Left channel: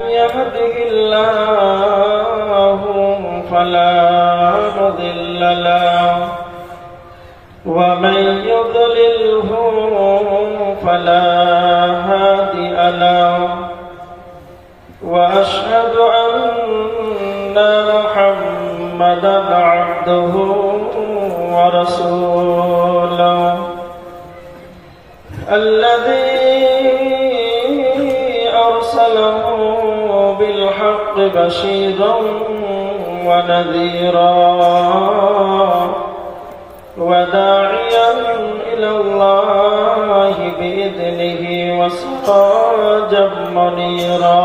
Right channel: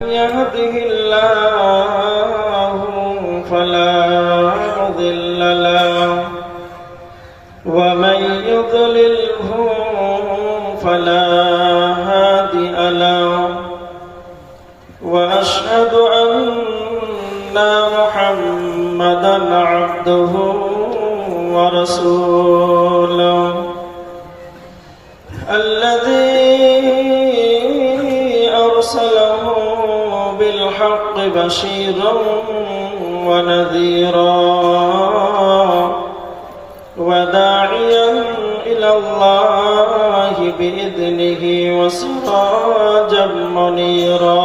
يهده الله فلا مضل له ومن يضلله فلا هادي له وأشهد أن محمدا عبده ورسوله الذي أرسله بالحق بشيرا ونذيرا وداعيا إلى الله بإذنه وسراجا منيرا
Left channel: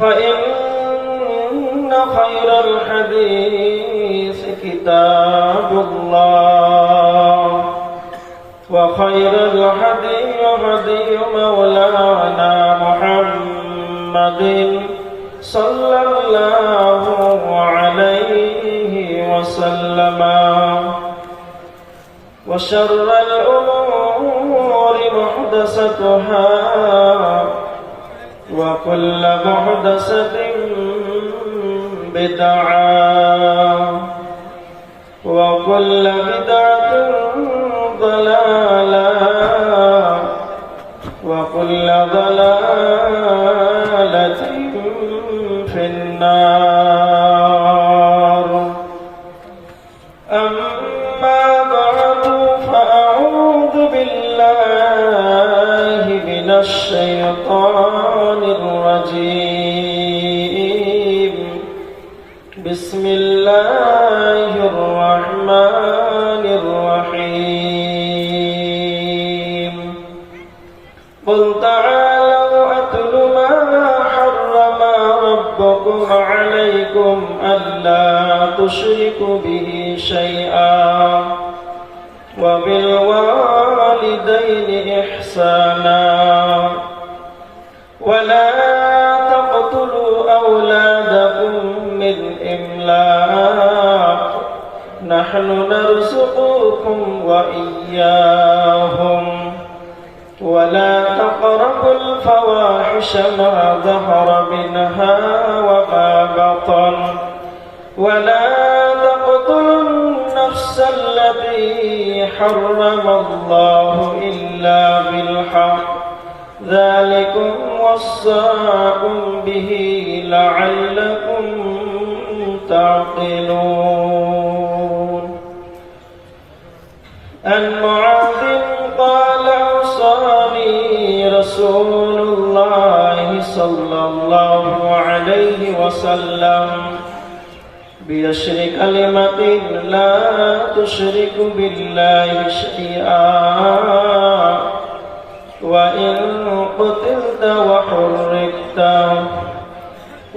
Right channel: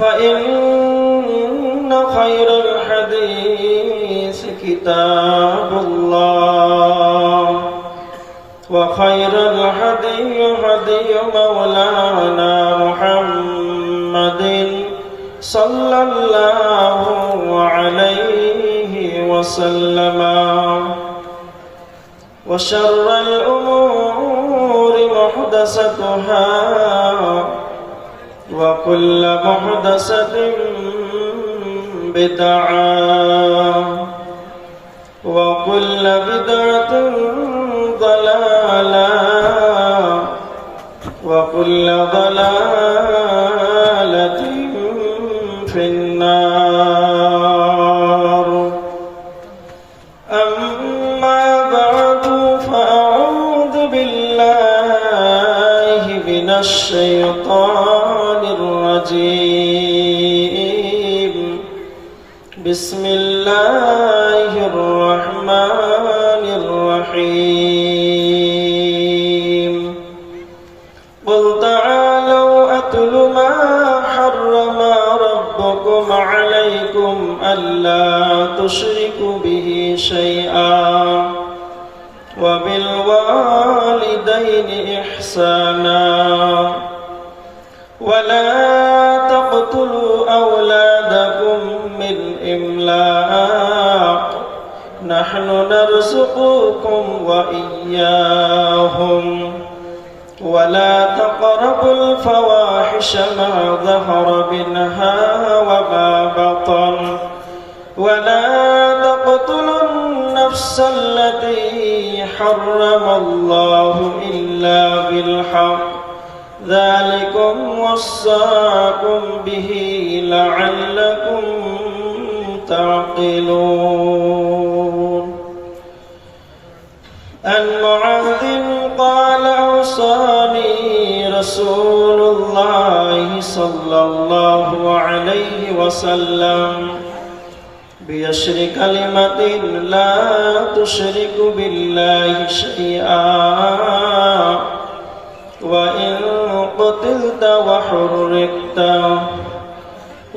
فإن خير الحديث كتاب الله وخير الهدي هدي مولانا محمد صلى الله عليه وسلم وشر الأمور محدثاتها وكل محدثة بدعة وكل بدعة ضلالة وكل ضلالة في النار أما بعد فأعوذ بالله من الشيطان الرجيم بسم الله الرحمن الرحيم قل تعالوا أتل ما حرم ربكم عليكم ألا تشركوا به شيئا وبالوالدين إحسانا ولا تقتلوا أولادكم من إملاق نحن نرزقكم وإياهم ولا تقربوا الفواحش ما ظهر منها وما بطن ولا تقتلوا النفس التي حرم الله إلا بالحق ذلكم وصاكم به لعلكم تعقلون عن معاذ قال أوصاني رسول الله صلى الله عليه وسلم بيشر كلمة لا تشرك بالله شيئا وإن قتلت وحرقت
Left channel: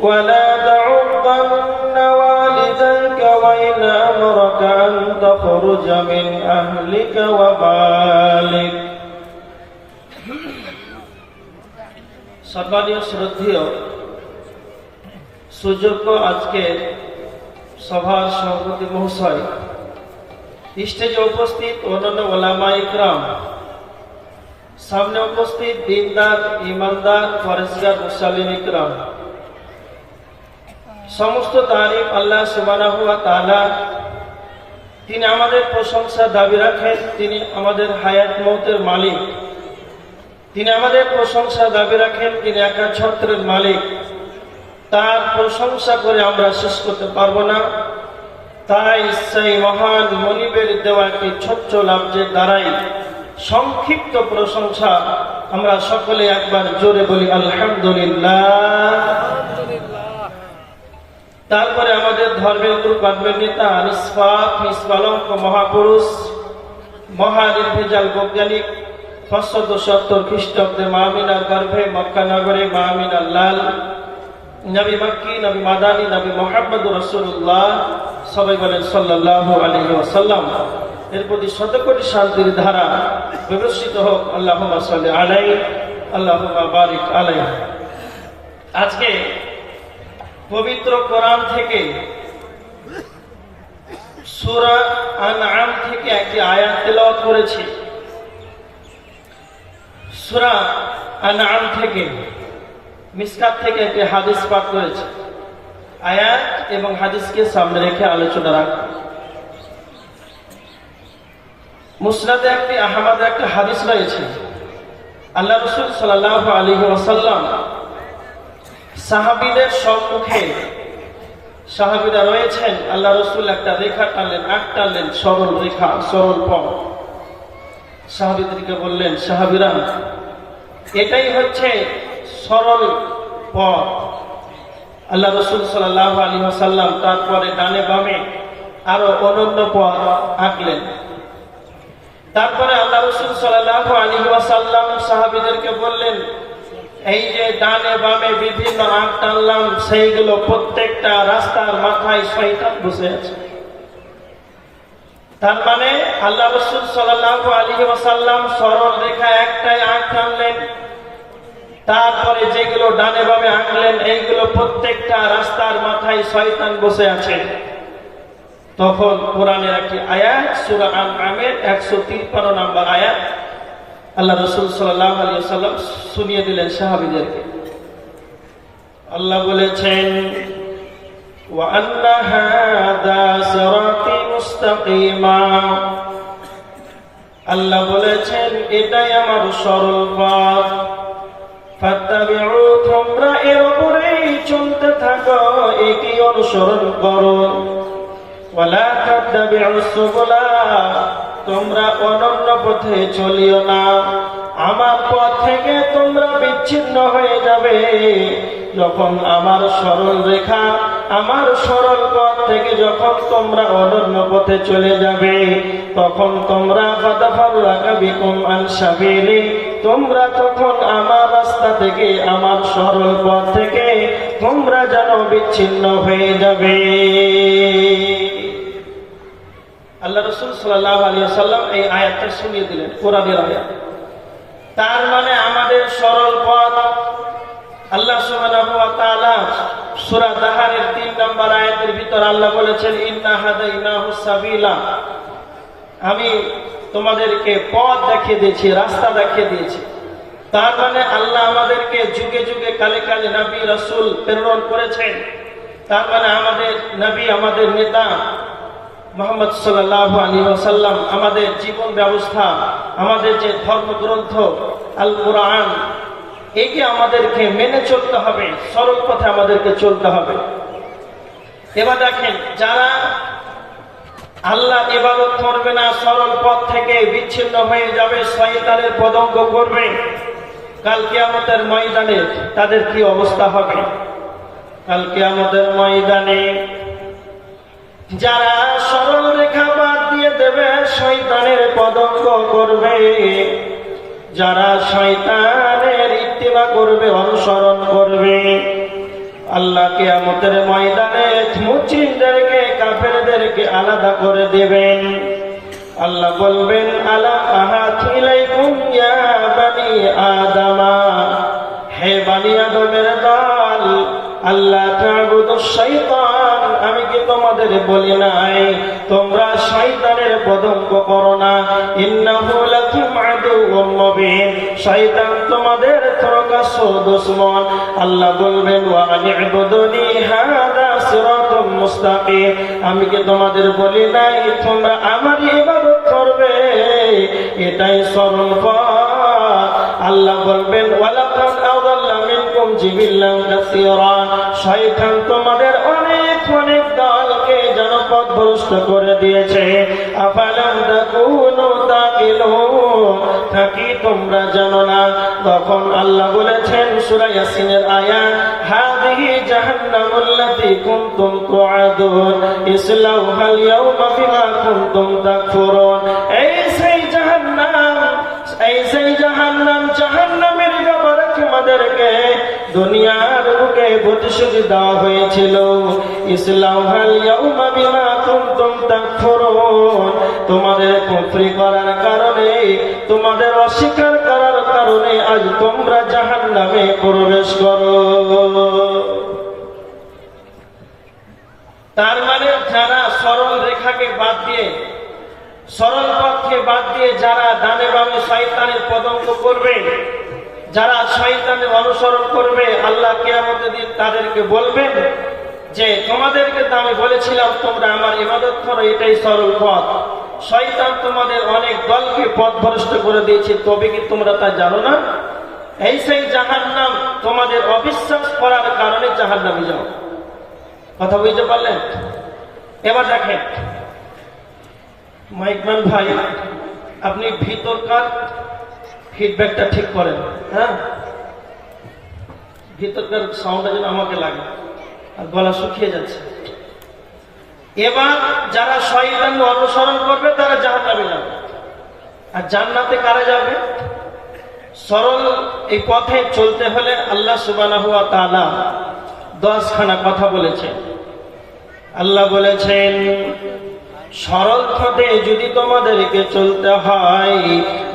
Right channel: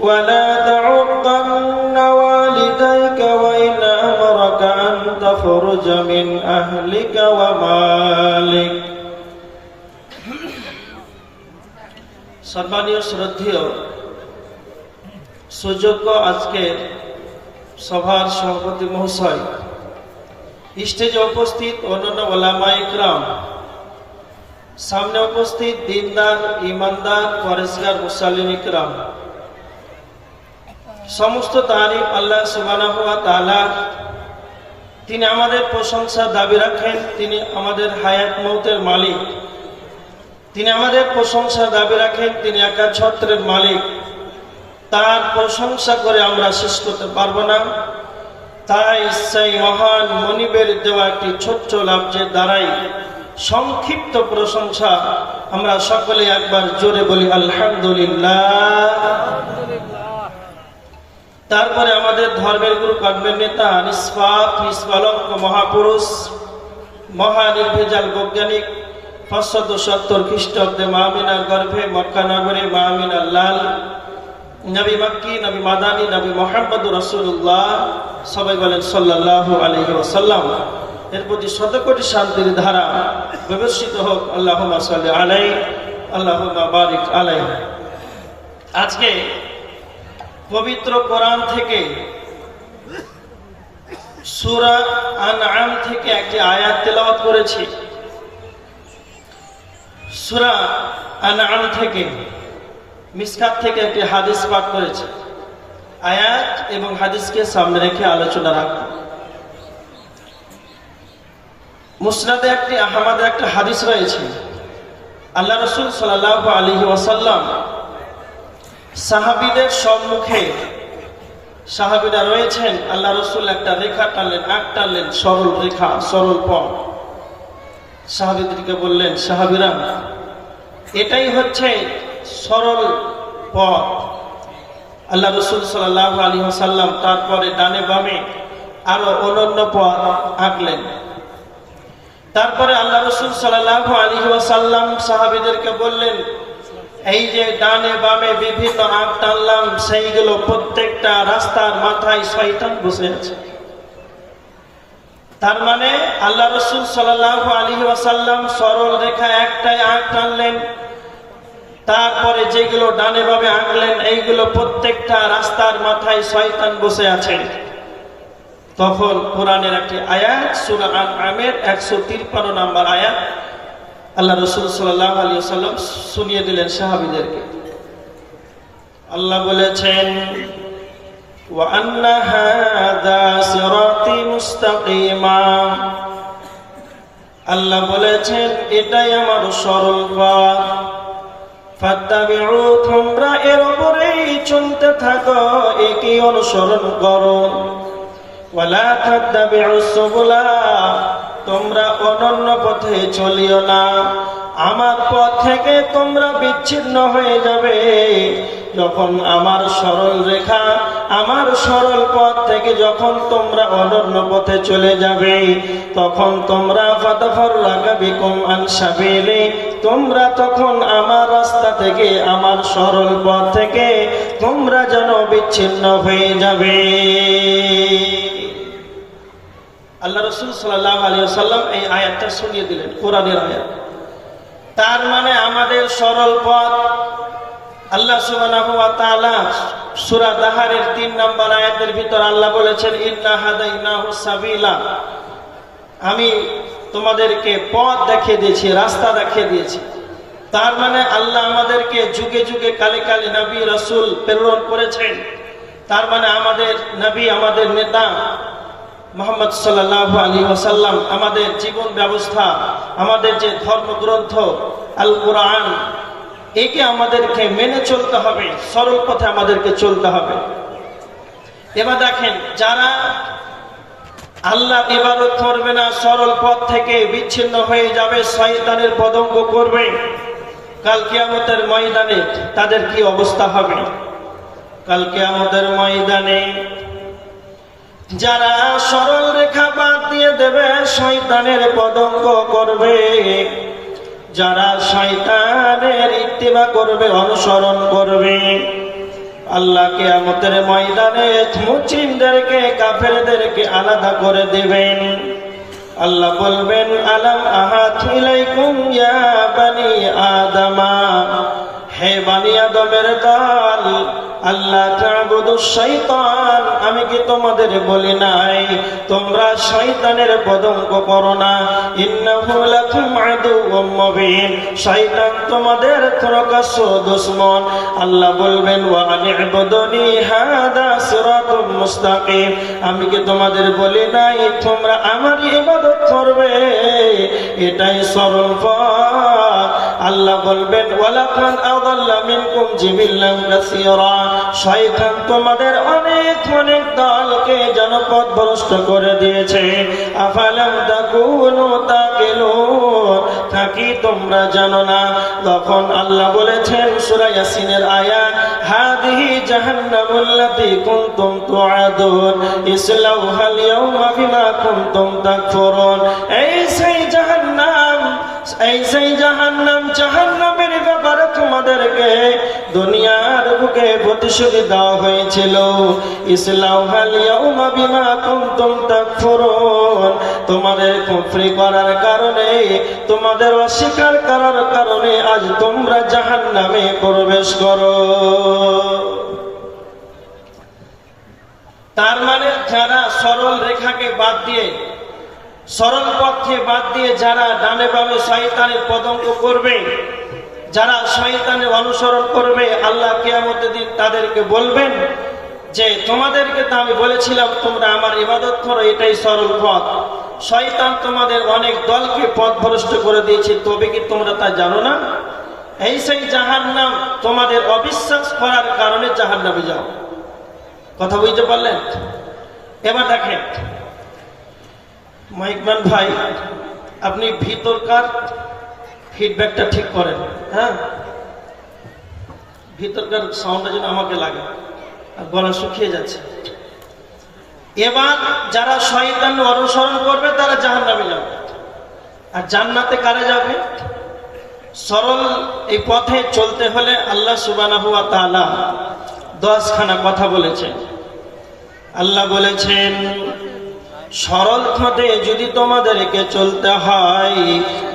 ولا تعقن والديك وإن أمرك أن تخرج من أهلك ومالك সম্মানীয় শ্রদ্ধেয় সুযোগ্য আজকের সভার সভাপতি মহাশয়, স্টেজে উপস্থিত অন্যান্য ওলামা ইকরাম, সামনে উপস্থিত দিনদার ইমানদার পরেশগার মুসলিম ইকরাম, সমস্ত তারিফ আল্লাহ সুবহানাহু ওয়া তাআলা। তিনি আমাদের প্রশংসা দাবি রাখেন, তিনি আমাদের হায়াত মওতের মালিক। তিনি আমাদের প্রশংসা দাবি রাখেন, তিনি একা ছত্রের মালিক। তার প্রশংসা করে আমরা শেষ করতে পারবো না। তাই সেই মহান মনিবের দেওয়া একটি ছোট্ট লাফজের দ্বারাই সংক্ষিপ্ত প্রশংসা আমরা সকলে একবার জোরে বলি আলহামদুলিল্লাহ। তারপরে আমাদের ধর্মের গুরু কর্মের নেতা নিষ্পালঙ্ক মহাপুরুষ, মহানির্ভেজাল বৈজ্ঞানিক, 570 খ্রিস্টাব্দে মা আমিনার গর্ভে মক্কা নগরে মা আমিনার লাল, নবী মক্কি, নবী মাদানী, নবী মুহাম্মদুর রাসূলুল্লাহ, সবাই বলেন সাল্লাল্লাহু আলাইহি ওয়াসাল্লাম। এর প্রতি শতকোটি শান্তির ধারা বিবর্ষিত হোক। আল্লাহুম্মা সাল্লি আলাইহি আল্লাহুম্মা বারিক আলাইহি। আজকে পবিত্র কোরআন থেকে সূরা আনআম থেকে একটি আয়াত তেলাওয়াত করেছি। সূরা আনআম থেকে মিসকাত থেকে একটি হাদিস পাঠ করেছি। আয়াত এবং হাদিসকে সামনে রেখে আলোচনা রাখব। মুসনাদে আহমদে একটা হাদিস রয়েছে। আল্লাহ রাসূল সাল্লাল্লাহু আলাইহি ওয়াসাল্লাম সাহাবীদের সম্মুখে, সাহাবীরা রয়েছেন, আল্লাহ রাসূল একটা রেখা টানলেন, আঁক টানলেন, সরল রেখা, সরল পথ। সাহাবীদেরকে বললেন, সাহাবীরা, এটাই হচ্ছে সরল পথ। আল্লাহ রাসূল সাল্লাল্লাহু আলাইহি ওয়াসাল্লাম তারপরে ডানে বামে আরো অনন্য পথ আঁকলেন। তারপরে আল্লাহ রাসূল সাল্লাল্লাহু আলাইহি ওয়াসাল্লাম সাহাবীদেরকে বললেন, এই যে ডানে বামে বিভিন্ন আঁক টানলাম, সেইগুলো প্রত্যেকটা রাস্তার মাথায় শয়তান বসে আছে। তার মানে আল্লাহ রাসূল সাল্লাল্লাহু আলাইহি ওয়াসাল্লাম সরল রেখা একটাই আঁক টানলেন, তারপরে যেগুলো ডানে বামে আঁকলেন, এইগুলো প্রত্যেকটা রাস্তার মাথায় শয়তান বসে আছে। তখন কোরআনের একটি আয়াত, সূরা আনআমের 153 নম্বর আয়াত, আল্লাহ রাসূল সাল্লাল্লাহু আলাইহি ওয়াসাল্লাম শুনিয়ে দিলেন সাহাবীদেরকে। আল্লাহ বলেছেন, ওয়া আন্না হাযা সিরাতি মুস্তাকিমা, আল্লাহ বলেছেন এটাই আমার সরল পথ, ফাত্তাবিউ, তোমরা এর উপরেই চলতে থাকো, একই অনুসরণ করো। ওয়ালা তাত্তাবিউস সুবুলা, তোমরা অনন্য পথে চলিও না, আমার পথ থেকে তোমরা বিচ্ছিন্ন হয়ে যাবে। যখন আমার সরল রেখা, আমার সরল পথ থেকে যখন তোমরা অনন্য পথে চলে যাবে, তখন তোমরা ফাতাফাররাকা বিকুম আন সাবিলি, তোমরা তখন আমার রাস্তা থেকে, আমার সরল পথ থেকে তোমরা যেন বিচ্ছিন্ন হয়ে যাবে। আল্লাহ রাসূল সাল্লাল্লাহু আলাইহি ওয়াসাল্লাম এই আয়াতটা শুনিয়ে দিলেন, কোরআনের আয়াত। তার মানে আমাদের সরল পথ, আল্লাহ সুবহানাহু ওয়া তাআলা সূরা দাহারের 3 নম্বর আয়াতের ভিতর আল্লাহ বলেছেন, ইন্না হাদাইনাহু সাবিলা, আমি তোমাদেরকে পথ দেখিয়ে দিয়েছি, রাস্তা দেখিয়ে দিয়েছি। তার মানে আল্লাহ আমাদেরকে যুগে যুগে কালে কালে নবী রাসূল প্রেরণ করেছেন। তার মানে আমাদের নবী, আমাদের নেতা মুহাম্মদ সাল্লাল্লাহু আলাইহি ওয়াসাল্লাম, আমাদের জীবন ব্যবস্থা, আমাদের যে ধর্মগ্রন্থ আল কোরআন, একে আমাদেরকে মেনে চলতে হবে, সরল পথে আমাদেরকে চলতে হবে। এবার দেখেন, যারা আল্লাহ ইবাদত করবে না, সরল পথ থেকে বিচ্ছিন্ন হয়ে যাবে, শয়তানের পদঙ্গ করবে, কাল কিয়ামতের ময়দানে তাদের কি অবস্থা হবে? কাল কিয়ামতের ময়দানে যারা সরল রেখা বাদ দিয়ে দেবে, শয়তানের পদঙ্গ করবে, যারা শয়তানের ইত্তিবা করবে, অনুসরণ করবে, আল্লাহ কিয়ামতের ময়দানে মুচিনদেরকে, কাফেরদেরকে আলাদা করে দিবেন। আল্লাহ বলবেন, আলাম আহাত ইলাইকুম ইয়া বানি আদামা, হে বানি আদমের দল, আল্লাহ তা'বুদুশ শাইতান, আমি কি তোমাদের বলি নাই তোমরা শয়তানের পদঙ্গ করো না? ইন্নাহু লাকুম আদুউম মুবিন, শয়তান তোমাদের প্রকাশ্য দুশমন। আল্লাহ বলবেন, ওয়া আনি'বুদুনি হাদা সিরাতুম মুস্তাকিম, আমি কি তোমাদের বলি নাই তোমরা আমার ইবাদত করবে, এটাই সরল পথ। আল্লাহ বলবেন, ওয়ালাকাদ আযাল্লা মিনকুম জিবিল্লান কাসীরা, শয়তান তোমাদের অনেক অনেক দলকে জনপথভ্রষ্ট করে দিয়েছে। আফালাম তাকুনু তাকিলুন, কি তোমরা জানো না? তখন আল্লাহ বলেছেন সূরা ইয়াসিনের আয়াত, হাদিহি জাহান্নামুল্লাতী কুনতুম তুআদুন ইসলাউহাল ইয়াওমা বিমা কুনতুম তাকফুরুন, এই সেই জাহান্নাম, এই সেই জাহান্নাম, জাহান্নামের ব্যাপারে তোমাদেরকে দুনিয়ার বুকে প্রতিশ্রুতি দেওয়া হয়েছিল, ইসলাউহাল ইয়াওমা বিমা কুনতুম তাকফুরুন, তোমাদের কুফরি করার কারণে, তোমাদের অস্বীকার করার কারণে আজ তোমরা জাহান্নামে প্রবেশ করো। তার মানে যারা সরল রেখাকে বাদ দিয়ে, সরল পথকে বাদ দিয়ে যারা ডানে বামে শয়তানের পদঙ্গ করবে, যারা শয়তানের অনুসরণ করবে আল্লাহ কিয়ামতের দিন তাদেরকে বলবেন যে তোমাদেরকে তো আমি বলেছিলাম তোমরা আমার ইবাদত করো, এটাই সরল পথ। শয়তান তোমাদের অনেক দলকে পথভ্রষ্ট করে দিয়েছে, তবে কি তোমরা তা জানো না? এই সেই জাহান্নাম, তোমাদের অবিশ্বাস করার কারণে জাহান্নামে যাও। কথা বুঝতে পারলেন? এবার দেখেন মাইকম্যান ভাই, আপনি ভিতরকার ফিডব্যাকটা ঠিক করেন। হ্যাঁ, ভিতরকার সাউন্ডটা যেন আমাকে লাগে, আর গলা শুকিয়ে যাচ্ছে। এবার যারা শয়তান অনুসরণ করবে তারা জাহান্নামে যাবে, আর জান্নাতে কারা যাবে? সরল এই পথে চলতে হলে আল্লাহ সুবহানাহু ওয়া তাআলা 10খানা কথা বলেছেন। আল্লাহ বলেছেন সরল পথে যদি তোমাদেরকে চলতে হয়,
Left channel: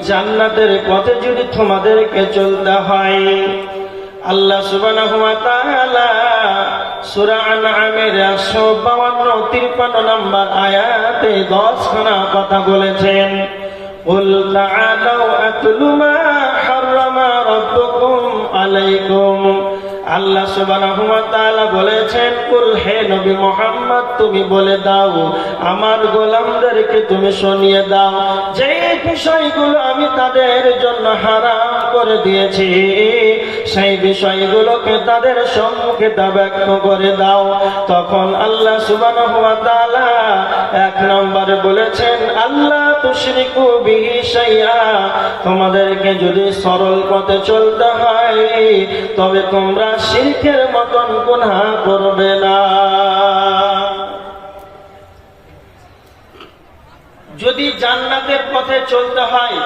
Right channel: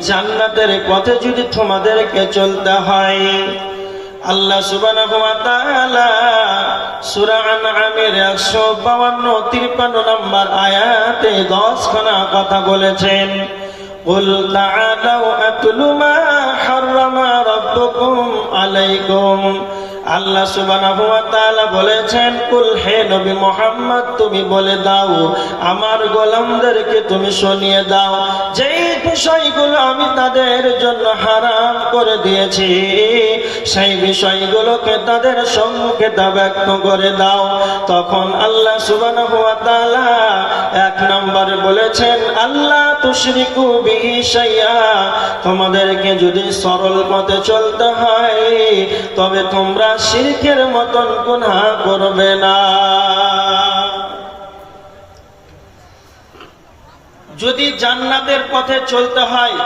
জান্নাতের পথে যদি তোমাদেরকে চলতে হয়, আল্লাহ সুবহানাহু ওয়া তাআলা সূরা আনআমের 152-53 নম্বর আয়াতে 10খানা কথা বলেছেন। কুল তাআলাউ আতলু মা হাররামা রাব্বুকুম আলাইকুম। আল্লাহ সুবহানাহু ওয়া তাআলা বলেছেন, কুল হে নবী মুহাম্মদ তুমি বলে দাও, আমার গোলামদেরকে তুমি শুনিয়ে দাও যে বিষয়গুলো আমি তাদের জন্য হারাম করে দিয়েছি, সেই বিষয়গুলোকে তাদের সম্মুখে তা ব্যক্ত করে দাও। তখন আল্লাহ সুবহানাহু ওয়া তাআলা 1 নম্বরে বলেছেন আল্লাহ তুশরিকু বিহি শাইআ, তোমাদেরকে যদি সরল পথে চলতে হয় তবে তোমরা শিরকের মতন গুনাহ করবে না। যদি জান্নাতের পথে চলতে হয়,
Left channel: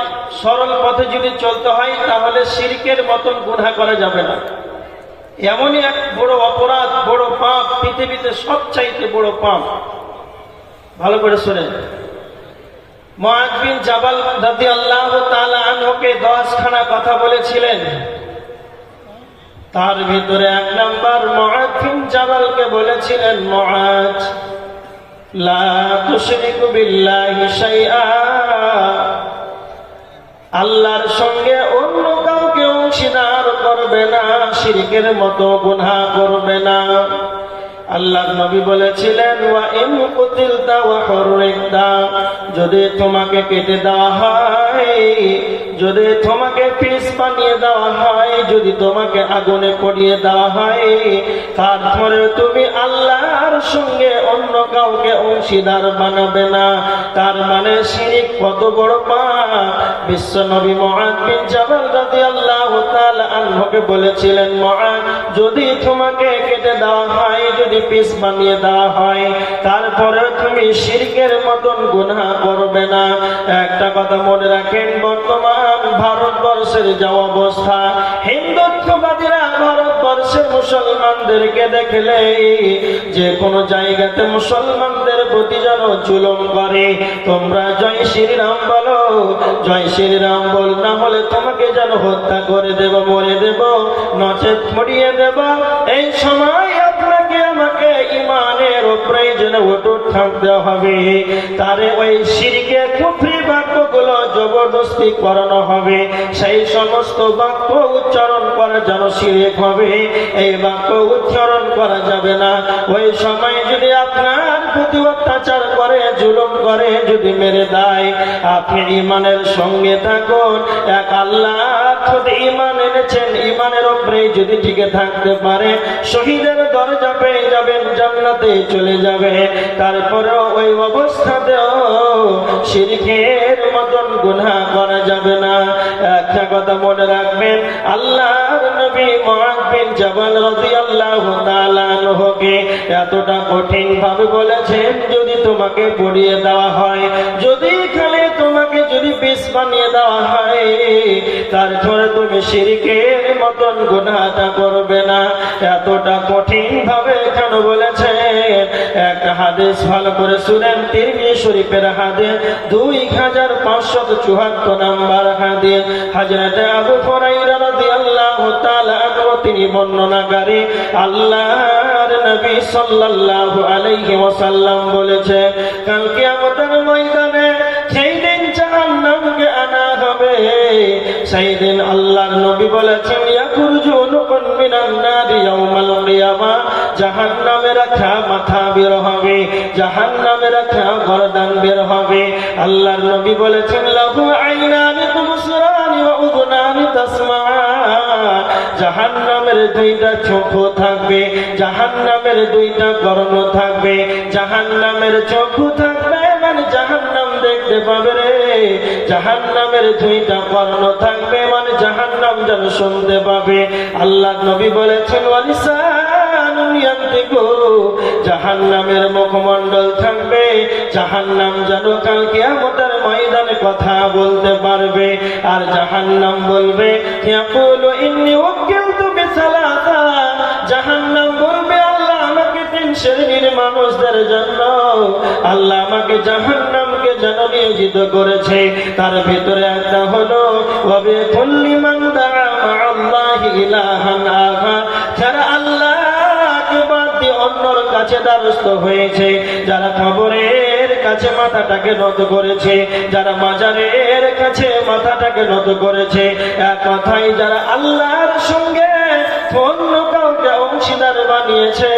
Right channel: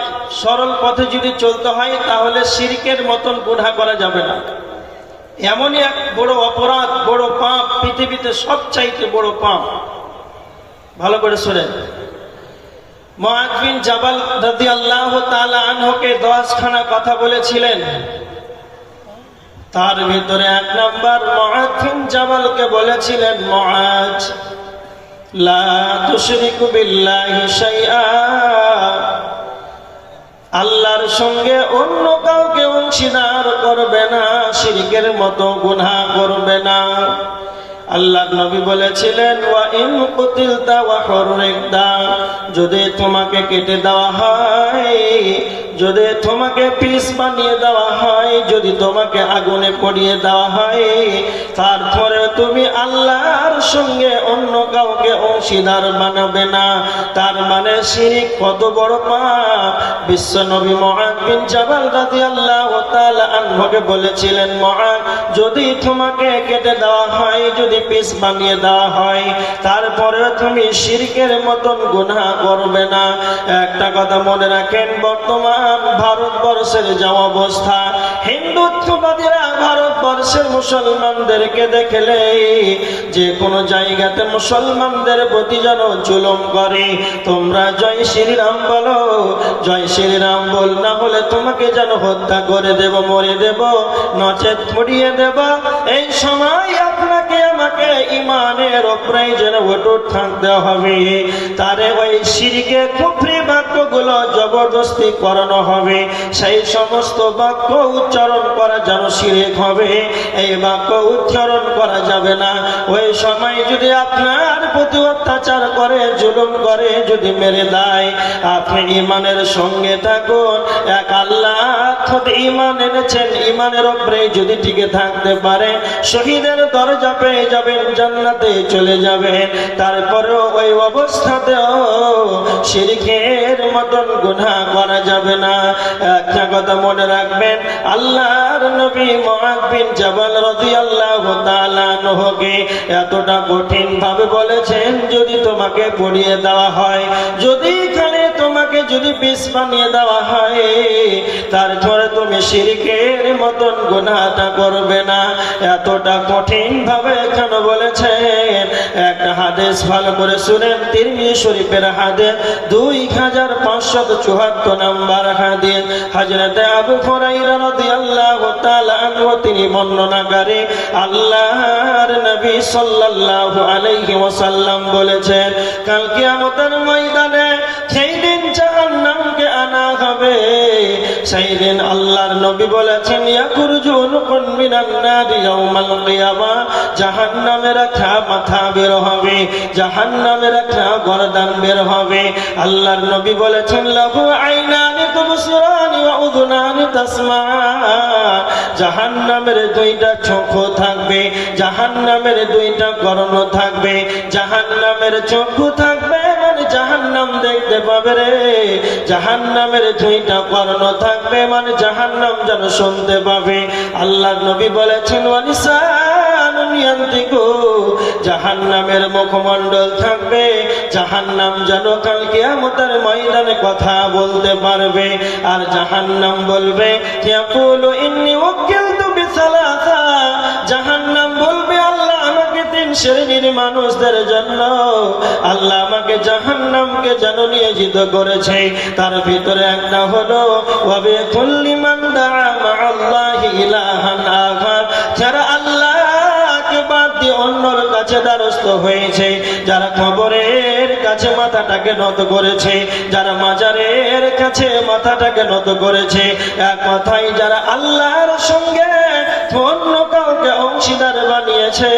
সরল পথে যদি চলতে হয়, তাহলে শিরকের মতন গুনাহ করা যাবে না। এমনই এক বড় অপরাধ, বড় পাপ, পৃথিবীতে সবচাইতে বড় পাপ। ভালো করে শুনেন, মুআয বিন জাবাল রাদিয়াল্লাহু তাআলা আনহুকে 10খানা কথা বলেছিলেন। তার ভিতরে 1 নম্বর মুআয বিন জাবালকে বলেছিলেন, মুআয লা তুশরিকু বিল্লাহি শাইআ, আল্লাহর সঙ্গে অন্য কাউকে অংশীদার করবে না, শিরকের মতো গুনাহ করবে না। আল্লাহর নবী বলেছিলেন ওয়া ইন কুতিলতা ওয়া হুররিকতা, যদি তোমাকে কেটে দেওয়া হয়, যদি তোমাকে পিস বানিয়ে দেওয়া হয়, যদি তোমাকে আগুনে পুড়িয়ে দেওয়া হয়, তারপরে তুমি আল্লাহর সঙ্গে অন্য কাউকে অংশীদার বানাবে না। তার মানে শিরক কত বড় পাপ। বিশ্ব নবী মুআয বিন জাবাল রাদিয়াল্লাহু তাআলা আনহুকে বলেছিলেন, মুআয যদি তোমাকে কেটে দেওয়া হয়, যদি পিস বানিয়ে দেওয়া হয়, তারপরে তুমি শিরকের মতন গুনাহ করবে না। একটা কথা মনে রাখেন, বর্তমান ভারতবর্ষের যা অবস্থা, হিন্দুত্ববাদীরা ভারতবর্ষের মুসলমানদেরকে দেখলে যে কোনো জায়গাতে মুসলমানদের প্রতি যেন জুলুম করে। তোমরা জয় শ্রীরাম বলো, জয় শ্রীরাম বল, না হলে তোমাকে যেন হত্যা করে দেব, মরে দেব, নচেত পুড়িয়ে দেব। এই সময় আপনাকে আমাকে ইমানের উপরে যেন অটুট থাকতে হবে। তারে ওই শিরকে কুফরি বাক্যগুলো জবরদস্তি করানো হবে, সেই সমস্ত বাক্য উচ্চারণ করা যেন শিরক হবে, এই বাক্য উচ্চারণ করা যাবে না। ওই সময় যদি আপনার প্রতি অত্যাচার করে, জুলুম করে, যদি মেরে দেয়, আপনি ইমানের সঙ্গে থাকুন। এক আল্লাহ খোদ ইমান এনেছেন, ইমানের উপরে যদি টিকে থাকতে পারে, শহীদের দরজা পেয়ে যাবেন, জান্নাতে চলে যাবেন। তারপরেও ওই অবস্থাতেও শিরকের মতন গুনাহ করা যাবে না। একটা কথা মনে রাখবেন, আল্লাহর নবী মুআয বিন জাবাল রাদিয়াল্লাহু তাআলা আনহুকে এতটা কঠিন ভাবে বলেছেন, যদি তোমাকে পুড়িয়ে দেওয়া হয়, যদি খালি তোমাকে যদি বিষ বানিয়ে দেওয়া হয়, তারপরে তুমি শিরকের মতন গুনাহটা করবে না। এতটা কঠিন ভাবে কেন বলেছেন? একটা হাদিস ভালো করে শুনেন, তিরমিজি শরীফের হাদিস 2574 নম্বর হাদিস। হযরত আবু হুরায়রা রাদিয়াল্লাহু তাআলা আনহু তিনি বর্ণনাকারী, আল্লাহর নবী সাল্লাল্লাহু আলাইহি ওয়াসাল্লাম বলেছেন, কাল কিয়ামতের ময়দানে সেই দিন জাহান্নামকে আনা হবে হবে। সেই দিন আল্লাহর নবী বলেছেন ইয়াকুরজুনুকুন মিনান নারি ইয়াউমাল কিয়ামা, জাহান্নামের একটা মাথা বের হবে, জাহান্নামের একটা গর্দান বের হবে। আল্লাহর নবী বলেছেন লাহু আইনানি তুবসিরানি ওয়া উযুনানি তাসমাআন, জাহান্নামের দুইটা চক্ষু থাকবে, জাহান্নামের দুইটা কর্ণ থাকবে, জাহান্নামের চক্ষু থাকবে মানে জাহান্নাম দেখতে পাবে রে, জাহান্নামের দুইটা কর্ণ থাকবে মানে জাহান্নাম যেন শুনতে পাবে। আল্লাহর নবী বলেছেন ওয়ালিসানুন ইয়ানতিকু, জাহান্নামের মুখমণ্ডল থাকবে, জাহান্নাম যেন কাল কিয়ামতের ময়দানে কথা বলতে পারবে। আর জাহান্নাম বলবে ইয়াকুলু ইন্নী উকিলতু বিসালাসা, জাহান্নাম বলবে আল্লাহ আমাকে তিন শ্রেণীর মানুষদের জন্য আল্লাহ আমাকে জাহান্নামকে যেন নিয়োজিত করেছে। তার ভিতরে একটা হলো ওয়াবি কুল্লি মান দাআ মা'আল্লাহি ইলাহান আখার, যারা আল্লাহকে বাদ দিয়ে অন্যর কাছে দ্বারস্থ হয়েছে, যারা কবরের কাছে মাথাটাকে নত করেছে, যারা মাজারের কাছে মাথাটাকে নত করেছে, এক কথাই যারা আল্লাহর সঙ্গে অন্য কাউকে অংশীদার বানিয়েছে,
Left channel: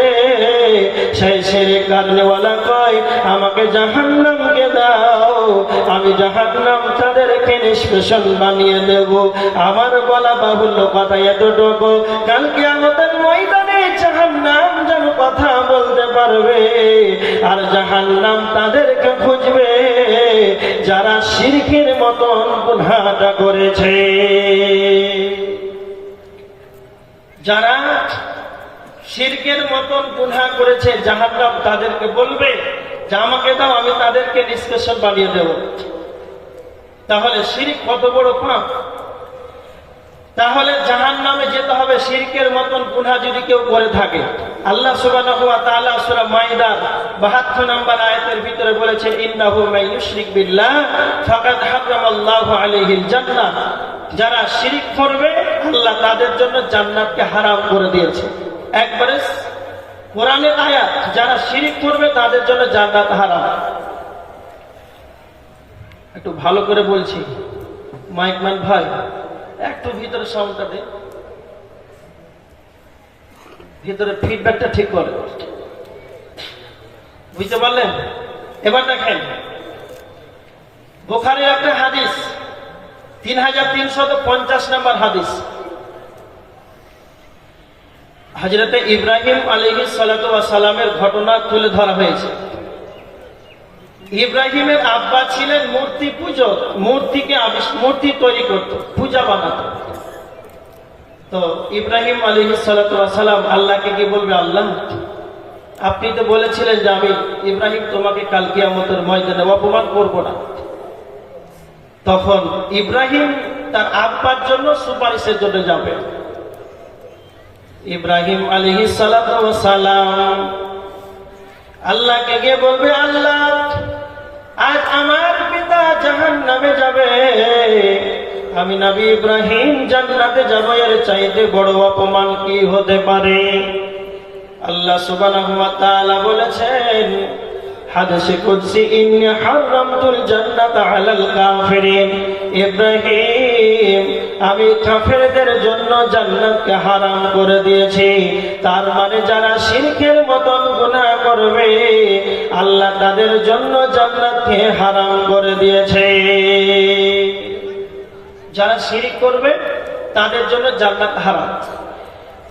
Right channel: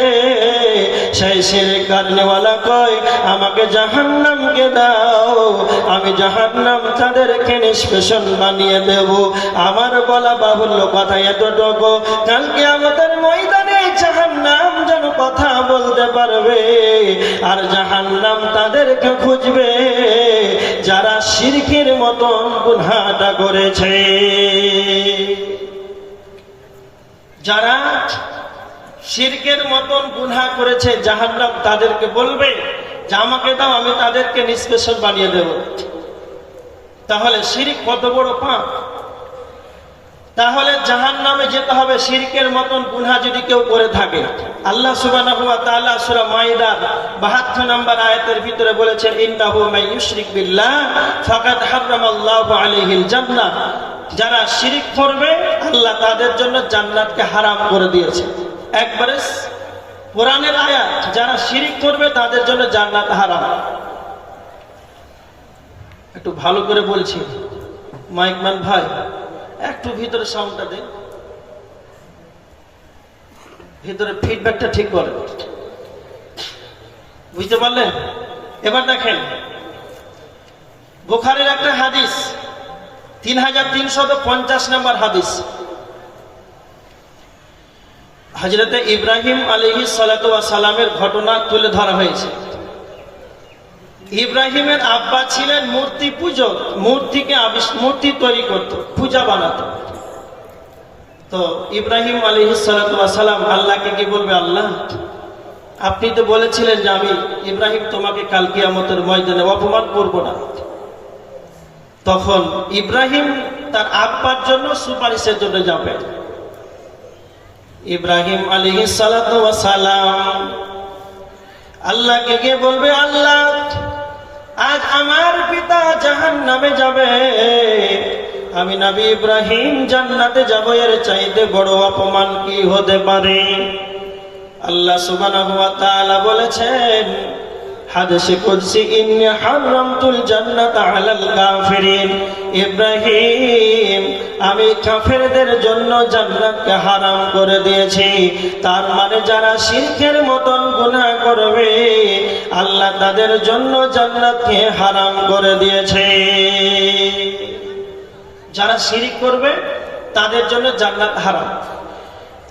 সেই শিরক কারনেওয়ালা কয় আমাকে জাহান্নামকে দাও, আমি জাহান্নাম তাদেরকে নিষ্পেষণ বানিয়ে দেব। আমার বলা বাহুল্য কথা এতটুকু, কাল কিয়ামতের ময়দানে জাহান্নাম যেন কথা বলতে পারবে, আর জাহান্নাম তাদেরকে খুঁজবে যারা শিরকের মতন গুনাহটা করেছে। যারা শিরকের মতন গুনাহ করেছে জাহান্নাম তাদেরকে বলবে যে আমাকে দাও, আমি তাদেরকে নিষ্পেষণ বানিয়ে দেব। তাহলে শিরক কত বড় পাপ, তাহলে জাহান্নামে যেতে হবে শিরকের মতন গুনাহ যদি কেউ করে থাকে। আল্লাহ সুবহানাহু ওয়া তাআলা সূরা মাইদার 72 নম্বর আয়াতের ভিতরে বলেছেন ইন্নাহু মান ইউশরিক বিল্লাহ ফাকাদ হারামাল্লাহু আলাইহিল জান্নাহ, যারা শিরক করবে আল্লাহ তাদের জন্য জান্নাতকে হারাম করে দিয়েছে। একবারে কোরআনের আয়াত, যারা শিরক করবে তাদের জন্য জান্নাত হারাম। একটু ভালো করে বলছি, মাইকম্যান ভাই একটু ভিতরে সাউন্ডটা দেন, ভিতরে ফিডব্যাকটা ঠিক করে, বুঝতে পারলেন? এবার দেখেন বুখারীর একটা হাদিস 3350 নম্বর হাদিস, হযরতে ইব্রাহিম আলাইহিস সালাতু ওয়াস সালামের ঘটনা তুলে ধরা হয়েছে। ইব্রাহিমের আব্বা ছিলেন মূর্তি পূজক, মূর্তি তৈরি করত, পূজা বানাতো। তো ইব্রাহিম আলাইহিস সালাতু ওয়াস সালাম আল্লাহকে কি বলবে, আল্লাহ আপনি তো বলেছিলেন যে আমি ইব্রাহিম তোমাকে কাল কিয়ামতের ময়দানে অপমান করব না। তখন ইব্রাহিম তার আব্বার জন্য সুপারিশের জন্য যাবে। ইব্রাহিম আলাইহিস সালাতু ওয়াস সালাম আল্লাহকে গিয়ে বলবে, আল্লাহ আজ আমার পিতা জাহান্নামে যাবে, আমি নবী ইব্রাহিম জান্নাতে যাব, এর চাইতে বড় অপমান কি হতে পারে? আল্লাহ সুবহানাহু ওয়া তাআলা বলেছেন হাদিসে কুদসি ইন্নী হারামতুল জান্নাতা আলাল কাফিরিন, ইব্রাহিম আমি কাফেরদের জন্য জান্নাতকে হারাম করে দিয়েছি। তার মানে যারা শিরকের মতন গুনাহ করবে আল্লাহ তাদের জন্য জান্নাতকে হারাম করে দিয়েছে। যারা শিরক করবে তাদের জন্য জান্নাত হারাম।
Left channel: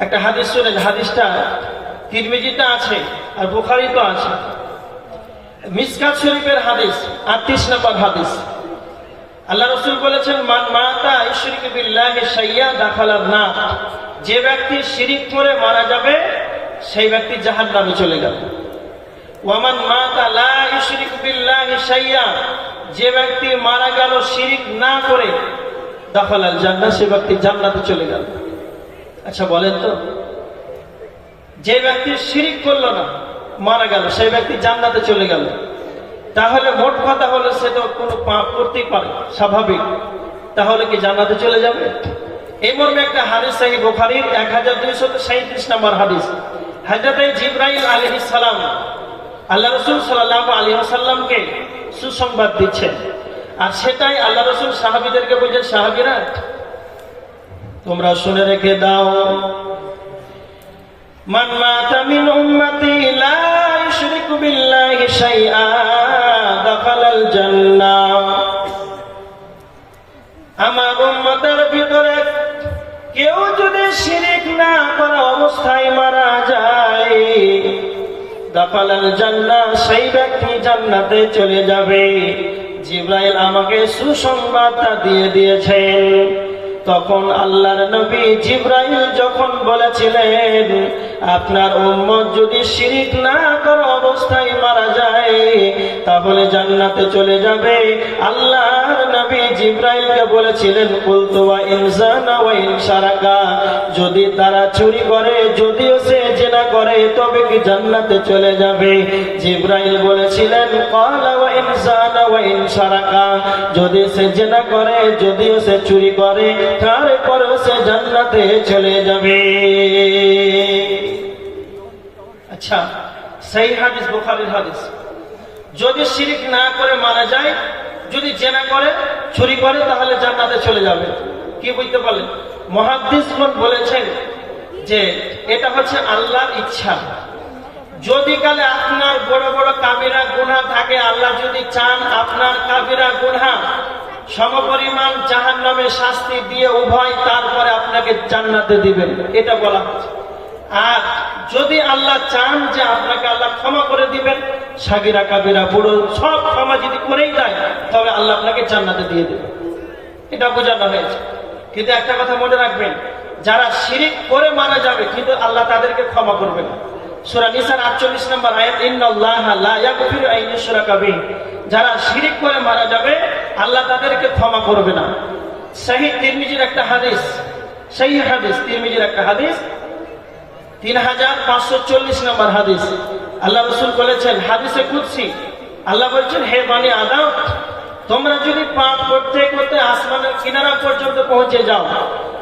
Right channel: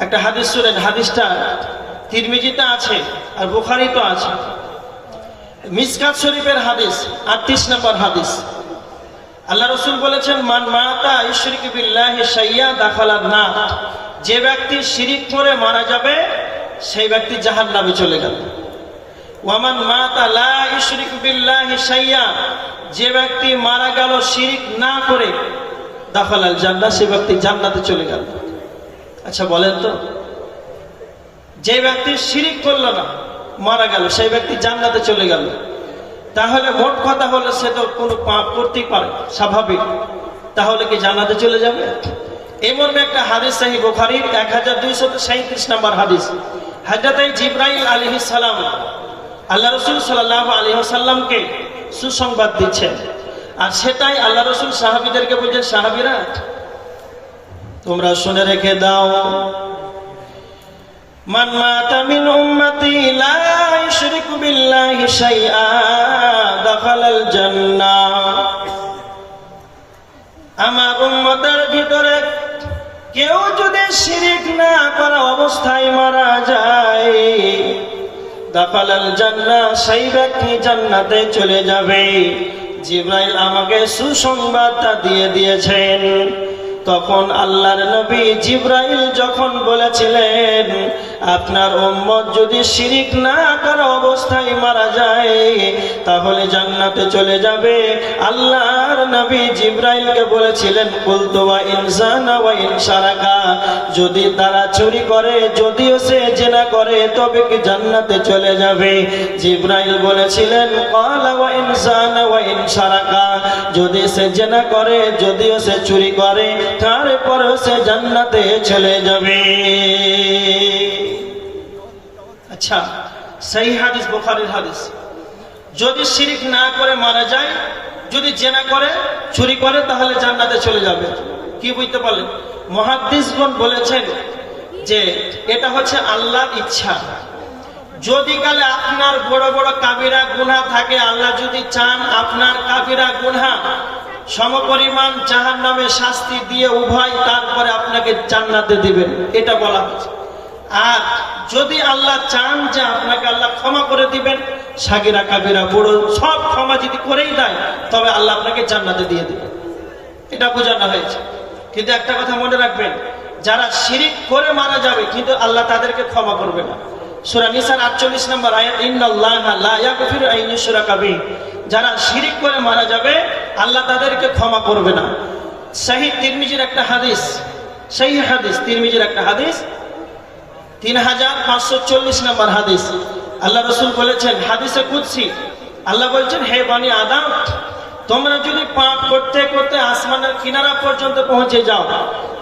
একটা হাদিস শুনেন, হাদিসটা তিরমিজিতে আছে আর বুখারীতে আছে। মিসকাত শরীফের হাদিস 38 নম্বর হাদিস। আল্লাহ রাসূল বলেছেন মান মাতা ইউশরিকু বিল্লাহি শাইয়া দাখালান নার, যে ব্যক্তি শিরক করে মারা যাবে সেই ব্যক্তি জাহান্নামে চলে যাবে। ওয়া মান মাতা লা ইউশরিকু বিল্লাহি শাইয়া, যে ব্যক্তি মারা গেল শিরক না করে দাখালাল জান্নাহ, সে ব্যক্তি জান্নাতে চলে গেল। আচ্ছা বলেন তো, যে ব্যক্তি শিরক করলো না মারা গেল সেই ব্যক্তি জান্নাতে চলে গেল, তাহলে মোট কথা হলো সে তো কোনো পাপ করতেই পারে, স্বাভাবিক। তাহলে কি জান্নাতে চলে যাবে? এই মর্মে একটা হাদিস সহিহ বুখারীর 1237 নম্বর হাদিস। হযরত জিবরাইল আলাইহিস সালাম আল্লাহ রাসূল সাল্লাল্লাহু আলাইহি ওয়াসাল্লামকে সুসংবাদ দিচ্ছেন। আর সেটাই আল্লাহ রাসূল সাহাবীদেরকে বলছেন, সাহাবীরা তোমরা শুনে রেখে দাও, মান মাতা মিন উম্মতি লা ইউশরিকু বিল্লাহি শাইআ দাখালাল জান্নাহ। আমার উম্মতের ভিতরে কেউ যদি শিরিক না করা অবস্থায় মারা যায়, দাখালাল জান্নাহ, সেই ব্যক্তি জান্নাতে চলে যাবে। জিবরাইল আমাকে সুসংবাদটা দিয়ে দিয়েছেন। তখন আল্লাহর নবী জিবরাইল যখন বলেছিলেন আপনার উম্মত যদি শিরিক না করা অবস্থায় মারা যায় তাহলে জান্নাতে চলে যাবে, আল্লাহর নবী জিবরাইলকে বলেছিলেন কুলতু ওয়া ইন জানা ওয়া ইন শারাকা, যদি তারা চুরি করে, যদিও সে জিনা করে, তবে কি জান্নাতে চলে যাবে? জিবরাইল বলেছিলেন ক্বালা ওয়া ইন জানা ওয়া ইন শারাকা, যদি সে জিনা করে, যদিও সে চুরি করে, তারপরে সে জান্নাতে চলে যাবে। আচ্ছা, সেই হাদিস বুখারীর হাদিস। যদি শিরিক না করে মারা যায়, যদি জিনা করে, চুরি করে, তাহলে জান্নাতে চলে যাবে। কি বুঝতে পারলেন? মুহাদ্দিসগণ বলেছেন যে এটা হচ্ছে আল্লাহর ইচ্ছা। যদি কালে আপনার বড় বড় কাবিরা গুনাহ থাকে, আল্লাহ যদি চান আপনার কাবিরা গুনাহ সমপরিমাণ জাহান্নামে শাস্তি দিয়ে উভয় তারপরে আপনাকে জান্নাতে দিবেন, এটা বলা হচ্ছে। আর যদি আল্লাহ চান যে আপনাকে আল্লাহ ক্ষমা করে দিবেন, সাগিরা কাবিরা বুড়ো সব ক্ষমা যদি করেই দেয়, তবে আল্লাহ আপনাকে জান্নাতে দিয়ে দিবেন, এটা বোঝানো হয়েছে। কিন্তু একটা কথা মনে রাখবেন, যারা শিরিক করে মারা যাবে কিন্তু আল্লাহ তাদেরকে ক্ষমা করবে না। সূরা নিসার 48 নম্বর আয়াত, ইন্নাল্লাহা লা ইয়াগফিরু আন ইউশরাকা বিহি, যারা শিরিক করে মারা যাবে আল্লাহ তাদেরকে ক্ষমা করবে না। সহিহ তিরমিজির একটা হাদিস, সহিহ হাদিস তিরমিজির একটা হাদিস, 3540 নম্বর হাদিস। আল্লাহ রাসূল বলেছেন হাদিসে কুদসি, আল্লাহ বলছেন হে বনি আদম, তোমরা যদি পাপ করতে করতে আসমানের কিনারা পর্যন্ত পৌঁছে যাও,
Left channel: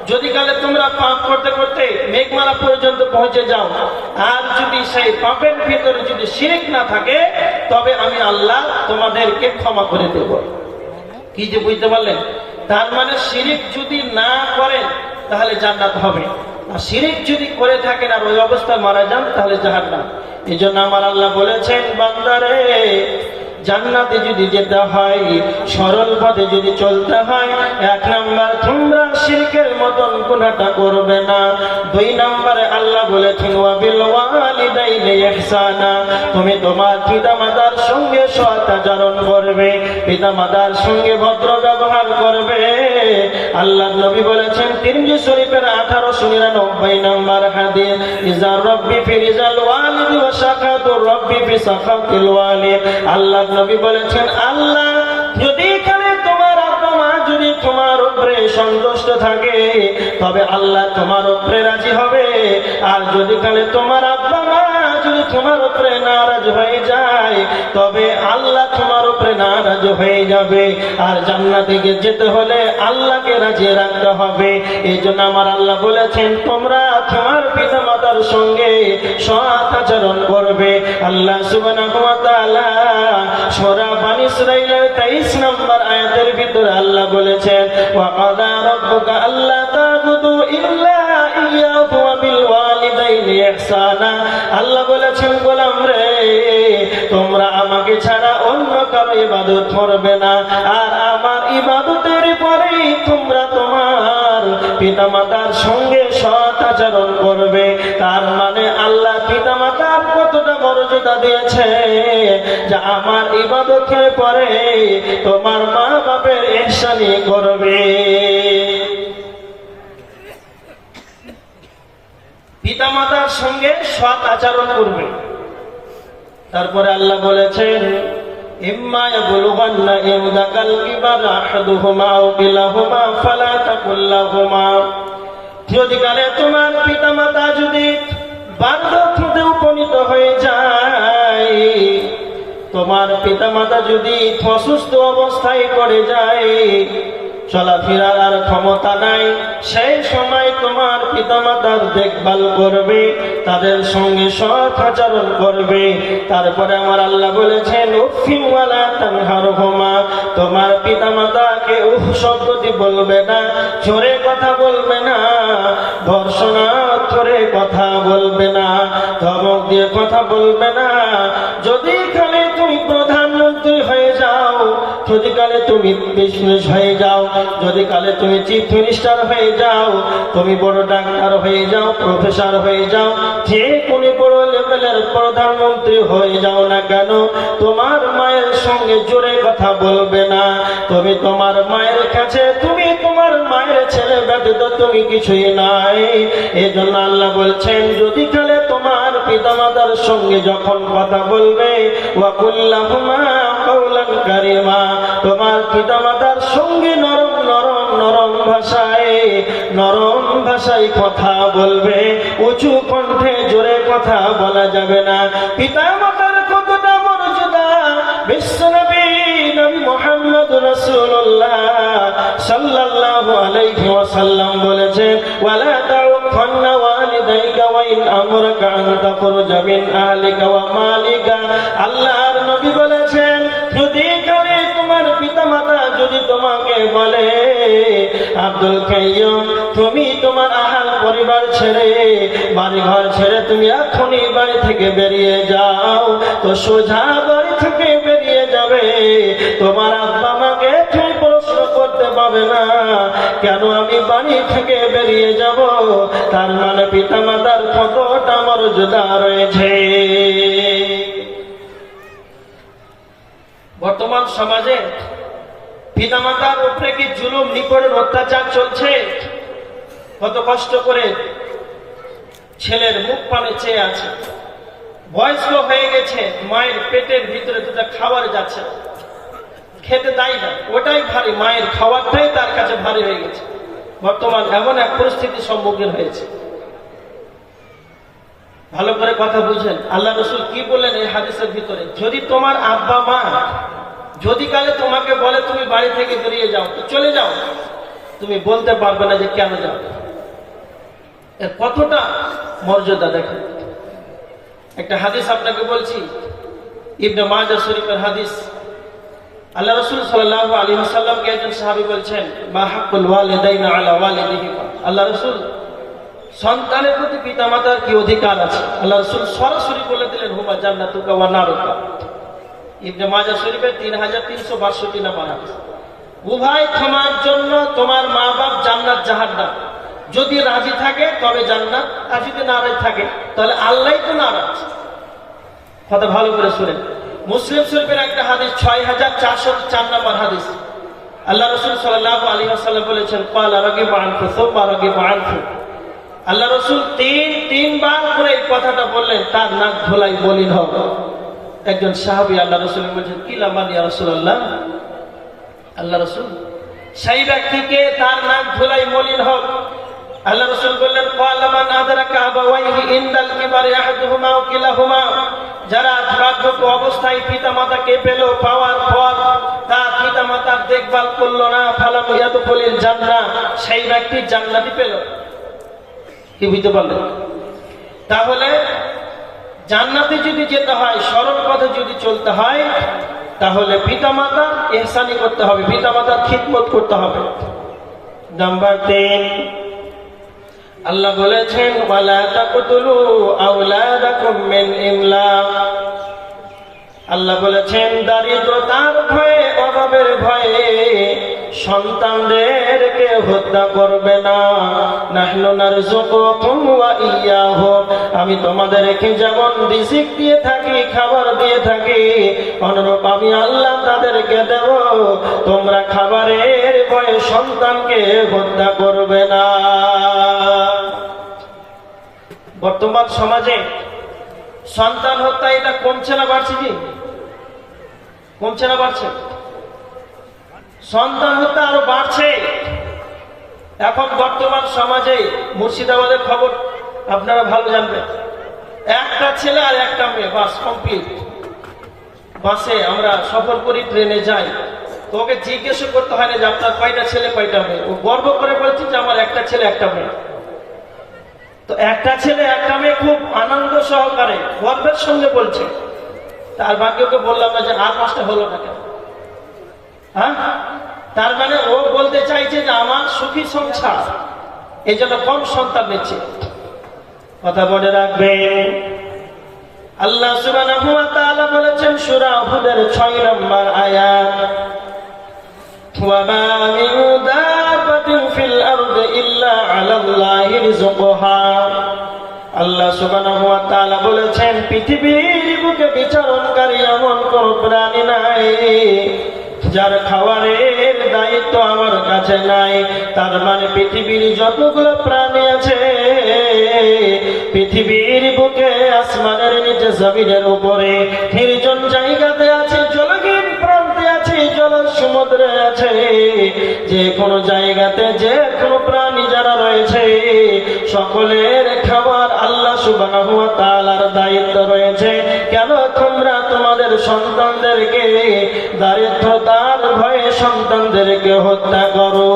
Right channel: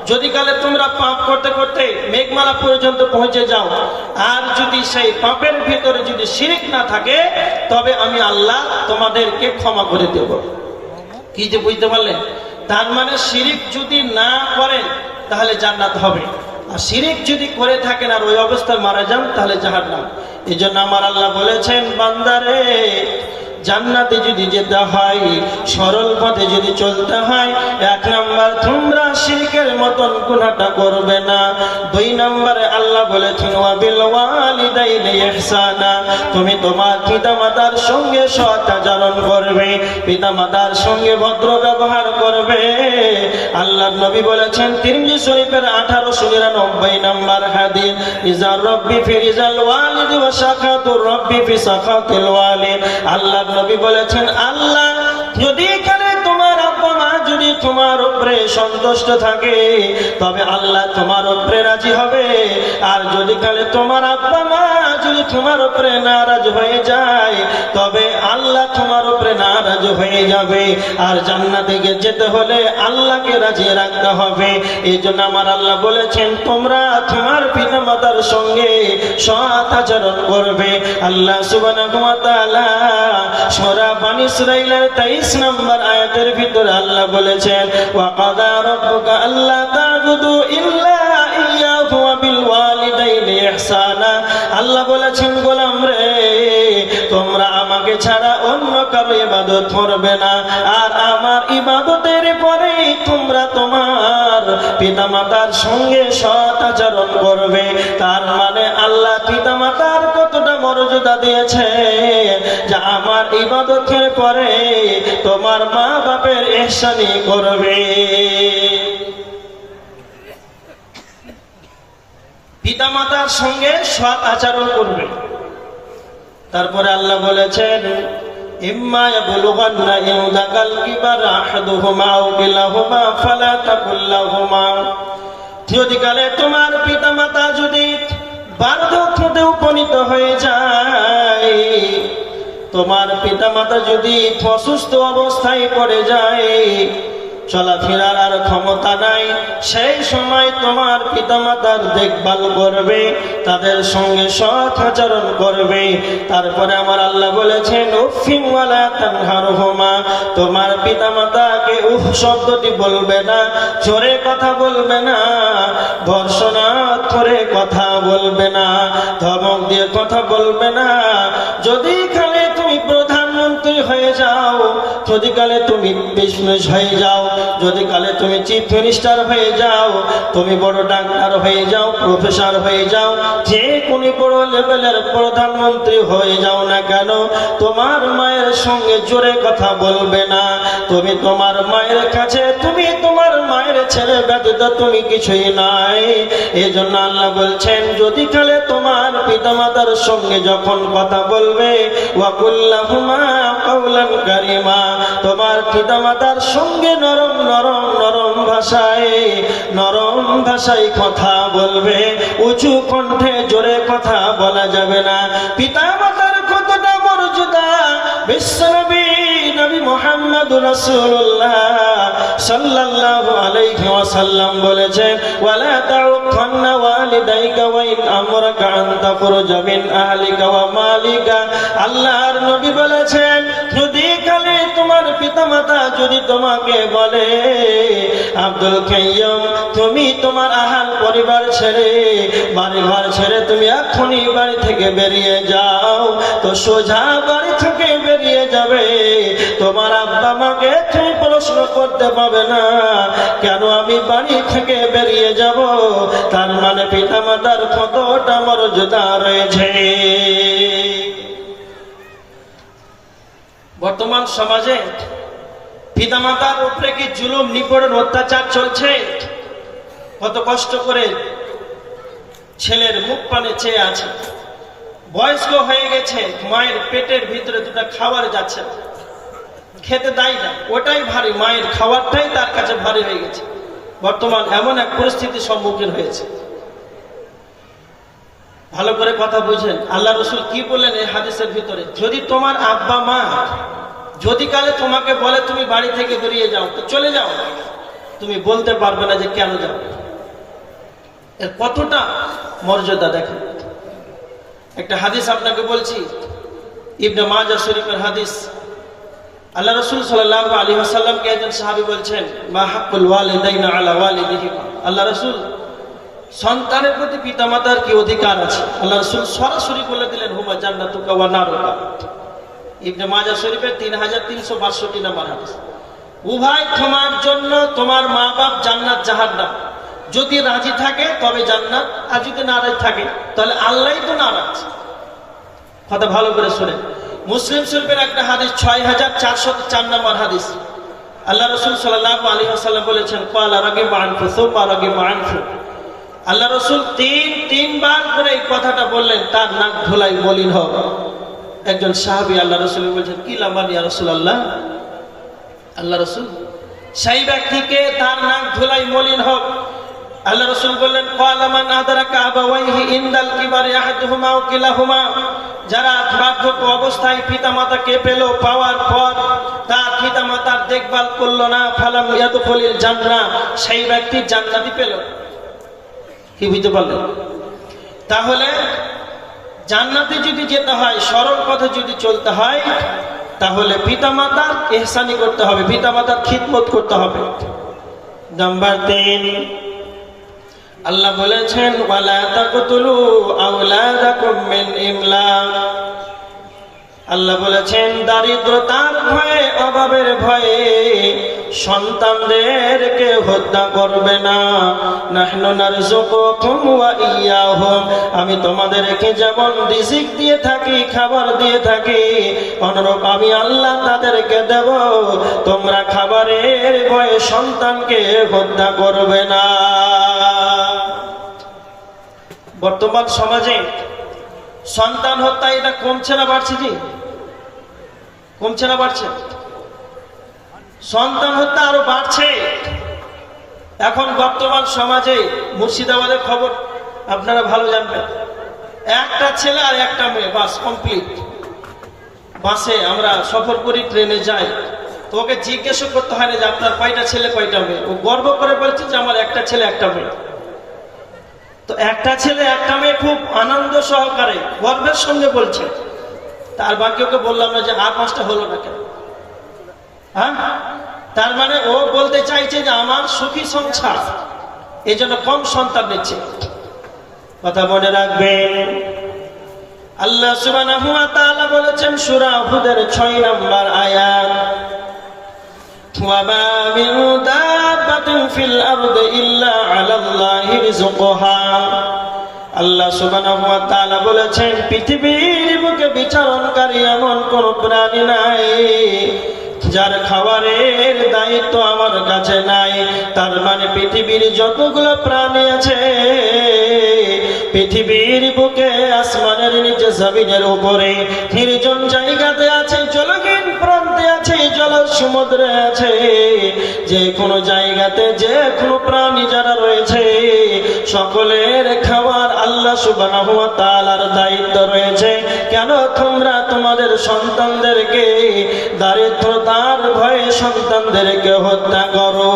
যদি কালে তোমরা পাপ করতে করতে মেঘমালা পর্যন্ত পৌঁছে যাও, আর যদি সেই পাপের ভিতরে যদি শিরিক না থাকে, তবে আমি আল্লাহ তোমাদেরকে ক্ষমা করে দেব। কি যে বুঝতে পারলেন? তার মানে শিরিক যদি না করেন তাহলে জান্নাত হবে, আর শিরিক যদি করে থাকেন আর ওই অবস্থায় মারা যান তাহলে জাহান্নাম। এই জন্য আমার আল্লাহ বলেছেন, বান্দারে জান্নাতে যদি যেতে হয়, সরল পথে যদি চলতে হয়, 1 নাম্বার তোমরা শিরকের মতন গুনাহটা করবে না। 2 নম্বরে আল্লাহ বলেছেন ওয়া বিল ওয়ালিদাইনি ইহসানা, তুমি তোমার পিতামাতার সঙ্গে সৎ আচরণ করবে, পিতামাতার সঙ্গে ভদ্র ব্যবহার করবে। আল্লাহর নবী বলেছেন তিরমিজি শরীফের 1899 নম্বর হাদিস, ইজার রব্বি ফি রিজাল ওয়ালিদ ওয়া সাখাতুর রব্বি ফি সাখাতিল ওয়ালিদ। আল্লাহর নবী বলেছেন আল্লাহ যদি এখানে তোমার আব্বা মা যদি তোমার উপরে সন্তুষ্ট থাকে, তবে আল্লাহ তোমার উপরে রাজি হবে। আর যদি কালে তোমার আব্বা মা যদি তোমার উপরে নারাজ হয়ে যায়, তবে আল্লাহ তোমার উপরে নারাজ হয়ে যাবে। আর জান্নাতে যেতে হলে আল্লাহকে রাজি রাখতে হবে। এই জন্য আমার আল্লাহ বলেছেন তোমরা তোমার পিতা মাতার সঙ্গে সৎ আচরণ করবে। আল্লাহ সুবহানাহু ওয়া তাআলা সূরা বনী ইসরাঈলের 23 নম্বর আয়াতের ভিতরে আল্লাহ বলেছেন ওয়া কাদা রাব্বুকা আল্লা তা'বুদু ইল্লা ইয়্যাহু ওয়া বিল ওয়ালিদাইনি ইহসানা। আল্লাহ বলেছেন গোলাম রে, তোমরা আমাকে ছাড়া অন্য কারো ইবাদত করবে না, আর আমার ইবাদতের পরে তোমরা তোমার পিতামাতার সঙ্গে সৎ আচরণ করবে। তার মানে আল্লাহ পিতামাতার কতটা মর্যাদা দিয়েছে, যে আমার ইবাদতের পরে তোমার মা বাপের ইহসানি করবে। পিতামাতার সঙ্গে সৎ আচরণ করবে। তারপরে আল্লাহ বলেছেন ইম্মা ইয়াবলুগান্না ইনদাকাল কিবারা আহাদুহুমা আও কিলাহুমা ফালা তাকুল লাহুমা, যদি কালে তোমার পিতামাতা যদি বার্ধক্যতে উপনীত হয়ে যায়, তোমার পিতামাতা যদি অসুস্থ অবস্থায় পড়ে যায়, চলাফেরার আর ক্ষমতা নাই, সেই সময় তোমার পিতামাতার দেখভাল করবে, তাদের সঙ্গে সৎ আচরণ করবে। তারপরে আমার আল্লাহ বলেছেন উফিন ওয়ালা তানহারহুমা, তোমার পিতামাতাকে উফ শব্দটি বলবে না, জোরে কথা বলবে না, ধর্ষণাত্মরে কথা বলবে না, ধমক দিয়ে কথা বলবে না। যদি কালে তুমি প্রধানমন্ত্রী হয়ে যাও, যদি কালে তুমি বিজনেস হয়ে যাও, যদি কালে তুমি চিফ মিনিস্টার হয়ে যাও, তুমি বড় ডাক্তার হয়ে যাও, প্রফেসর হয়ে যাও, যে কোনো বড় লেভেলের প্রধানমন্ত্রী হয়ে যাও না কেন, তোমার মায়ের সঙ্গে জোরে কথা বলবে না। তুমি তোমার মায়ের কাছে, তুমি তোমার মায়ের ছেলে ব্যতীত তুমি কিছুই নাই। এজন্য আল্লাহ বলছেন যদি কালে তোমার পিতামাতার সঙ্গে যখন কথা বলবে ওয়াকুল্লাহুমা কাওলান কারীমা, তোমার পিতামাতার সঙ্গে নরম নরম নরম ভাষায় কথা বলবে, উঁচু কণ্ঠে জোরে কথা বলা যাবে না। পিতামাতার কতটা মর্যাদা বিশ্বনবী নবী মুহাম্মদ রাসূলুল্লাহ সাল্লাল্লাহু আলাইহি ওয়াসাল্লাম বলেছেন ওয়ালা তাউখান্না ওয়ালিদাইকা ওয়া ইন আমরাকা আন তাখরুজা মিন আহলিকা ওয়া মালিকা। আল্লাহর নবী বলেছেন যদি কালে তোমার পিতামাতা যদি তোমাকে বলে আব্দুল কাইয়ুম তুমি তোমার আহাল পরিবার ছেড়ে বাড়ি ঘর ছেড়ে তুমি এখনই বাড়ি থেকে বেরিয়ে যাও, তো সোজা বাড়ি থেকে বেরিয়ে যাবে। তোমার আব্বা মাকে তুমি প্রশ্ন করতে পাবে না কেন আমি বাড়ি থেকে বেরিয়ে যাব। তার মানে পিতামাতার কতটা মর্যাদা রয়েছে। বর্তমান সমাজে পিতামাতার উপরে কি জুলুম নিপীড়ন অত্যাচার চলছে। কত কষ্ট করে ছেলের মুখ পানে চেয়ে আছে, বয়স্ক হয়ে গেছে, মায়ের পেটের ভিতরে দুটা খাবার যাচ্ছে, খেতে দেয় না, ওটাই ভারী, মায়ের খাবারটাই তার কাছে ভারী হয়ে গেছে। বর্তমান এমন এক পরিস্থিতির সম্মুখীন হয়েছে। ভালো করে কথা বুঝেন, আল্লাহ রাসূল কি বললেন এই হাদিসের ভিতরে, যদি তোমার আব্বা মা যদি কালে তোমাকে বলে তুমি বাড়ি থেকে বেরিয়ে যাও তো চলে যাও, তুমি বলতে পারবে না যে কেন যাও। এর কতটা মর্যাদা দেখেন। একটা হাদিস আপনাকে বলছি, ইবনে মাজাহ শরীফের হাদিস। আল্লাহ রাসূল সাল্লাল্লাহু আলাইহি ওয়াসাল্লামকে একজন সাহাবী বলছেন মা হাক্কুল ওয়ালিদাইনা আলা ওয়ালিদিহিমা, আল্লাহ রাসূল সন্তানের প্রতি পিতামাতার কি অধিকার আছে। আল্লাহ রাসূল সরাসরি বলে দিলেন হুমা জান্নাতুকা ওয়া নারুকা। ইবনে মাজাহ শরীফের 3362 নম্বর হাদিস। উভয় তোমার জন্য তোমার মা বাপ জান্নাত জাহান্নাম, যদি রাজি থাকে তবে জান্নাত, আর যদি নারাজ থাকে তাহলে আল্লাহই তো নারাজ। কথা ভালো করে শুনেন। মুসলিম শরীফের একটা হাদিস 6404 নম্বর হাদিস। আল্লাহ রাসূল সাল্লাল্লাহু আলাইহি ওয়াসাল্লাম বলেছেন ক্বালা রাগিবু আনফু সুম্মা রাগিবু আনফু। আল্লাহ রাসূল তিনবার করে এই কথাটা বললেন, তার নাক ধোলাই মলিন হোক। একজন সাহাবী আল্লাহ রাসূল বলেছেন কি লামান ইয়া রাসূলুল্লাহ, আল্লাহ রাসূল সেই ব্যক্তিকে তার নাক ধোলাই মলিন হোক। আল্লাহ রাসূল বললেন ক্বালা মান আদরাকা আবাওয়াইহি ইনদাল কিবারি আহাদুহুমা ওয়া কিলাহুমা, যারা বার্ধক্য অবস্থায় পিতামাতাকে পেল, পাওয়ার পর তার পিতামাতার দেখভাল করলো না, ফালাম ইয়াদখুলিল জান্নাহ, সেই ব্যক্তি জান্নাতি পেল। কি বুঝতে পারলেন? তাহলে জান্নাতে যদি যেতে হয়, সরল পথে যদি চলতে হয়, তাহলে পিতামাতার ইহসানি করতে হবে, পিতামাতার খিদমত করতে হবে। নাম্বার 3, আল্লাহ বলেছেন ওয়ালা তাকতুলু আওলাদাকুম মিন ইমলাক। আল্লাহ বলেছেন দারিদ্রতার ভয়ে, অভাবের ভয়ে সন্তানদেরকে হত্যা করবে না। নাহনু নারযুকুকুম ওয়া ইয়্যাহুম, আমি তোমাদেরকে যেমন রিজিক দিয়ে থাকি, খাবার দিয়ে থাকি, অনুরূপ আমি আল্লাহ তাদেরকে দেব। তোমরা খাবারের ভয়ে সন্তানকে হত্যা করবে না। বর্তমান সমাজে সন্তান হত্যা এটা কমছে না বাড়ছে? জি, কমছে না বাড়ছে? সন্তান হত্যা আরো বাড়ছে। এখন বর্তমান সমাজে মুর্শিদাবাদের খবর আপনারা ভালো জানবেন, একটা ছেলে আর একটা মেয়ে, বাস কমপ্লিট। বাসে আমরা সফর করি, ট্রেনে যাই, তো ওকে জিজ্ঞেস করতে হয় না যে আপনার কয়টা ছেলে কয়টা মেয়ে, ও গর্ব করে বলছে যে আমার একটা ছেলে একটা মেয়ে। তো একটা ছেলে একটা মেয়ে খুব আনন্দ সহকারে গর্বের সঙ্গে বলছে। তার বাকি ওকে বললাম না যে আর 5টা হলো না কেন। হ্যাঁ, তার মানে ও বলতে চাইছে যে আমার সুখী সংসার, এই জন্য কম সন্তান নিচ্ছে। কথা মনে রাখবেন, আল্লাহ সুবহানাহু ওয়া তাআলা বলেছেন সূরা হুদের 6 নম্বর আয়াত, ওয়া মা মিন দাব্বাতিন ফিল আরদি ইল্লা আলাল্লাহি রিজকুহা। আল্লাহ সুবহানাহু ওয়া তাআলা বলেছেন পৃথিবীর বুকে বিচরণকারী এমন কোন প্রাণী নাই যার খাবারের দায়িত্ব আমার কাছে নাই। তার মানে পৃথিবীর যতগুলো প্রাণী আছে, পৃথিবীর বুকে, আসমানের নিচে, জমিনের উপরে, নির্জন জায়গাতে আছে, জলহীন প্রান্তে আছে, জল সমুদ্রে আছে, যে কোনো জায়গাতে যে কোনো প্রাণী যারা রয়েছে সকলের খাবার আল্লাহ সুবহানাহু ওয়া তাআলার দায়িত্ব রয়েছে। কেন তোমরা তোমাদের সন্তানদেরকে দারিদ্রতার ভয়ে সন্তানদেরকে হত্যা করো?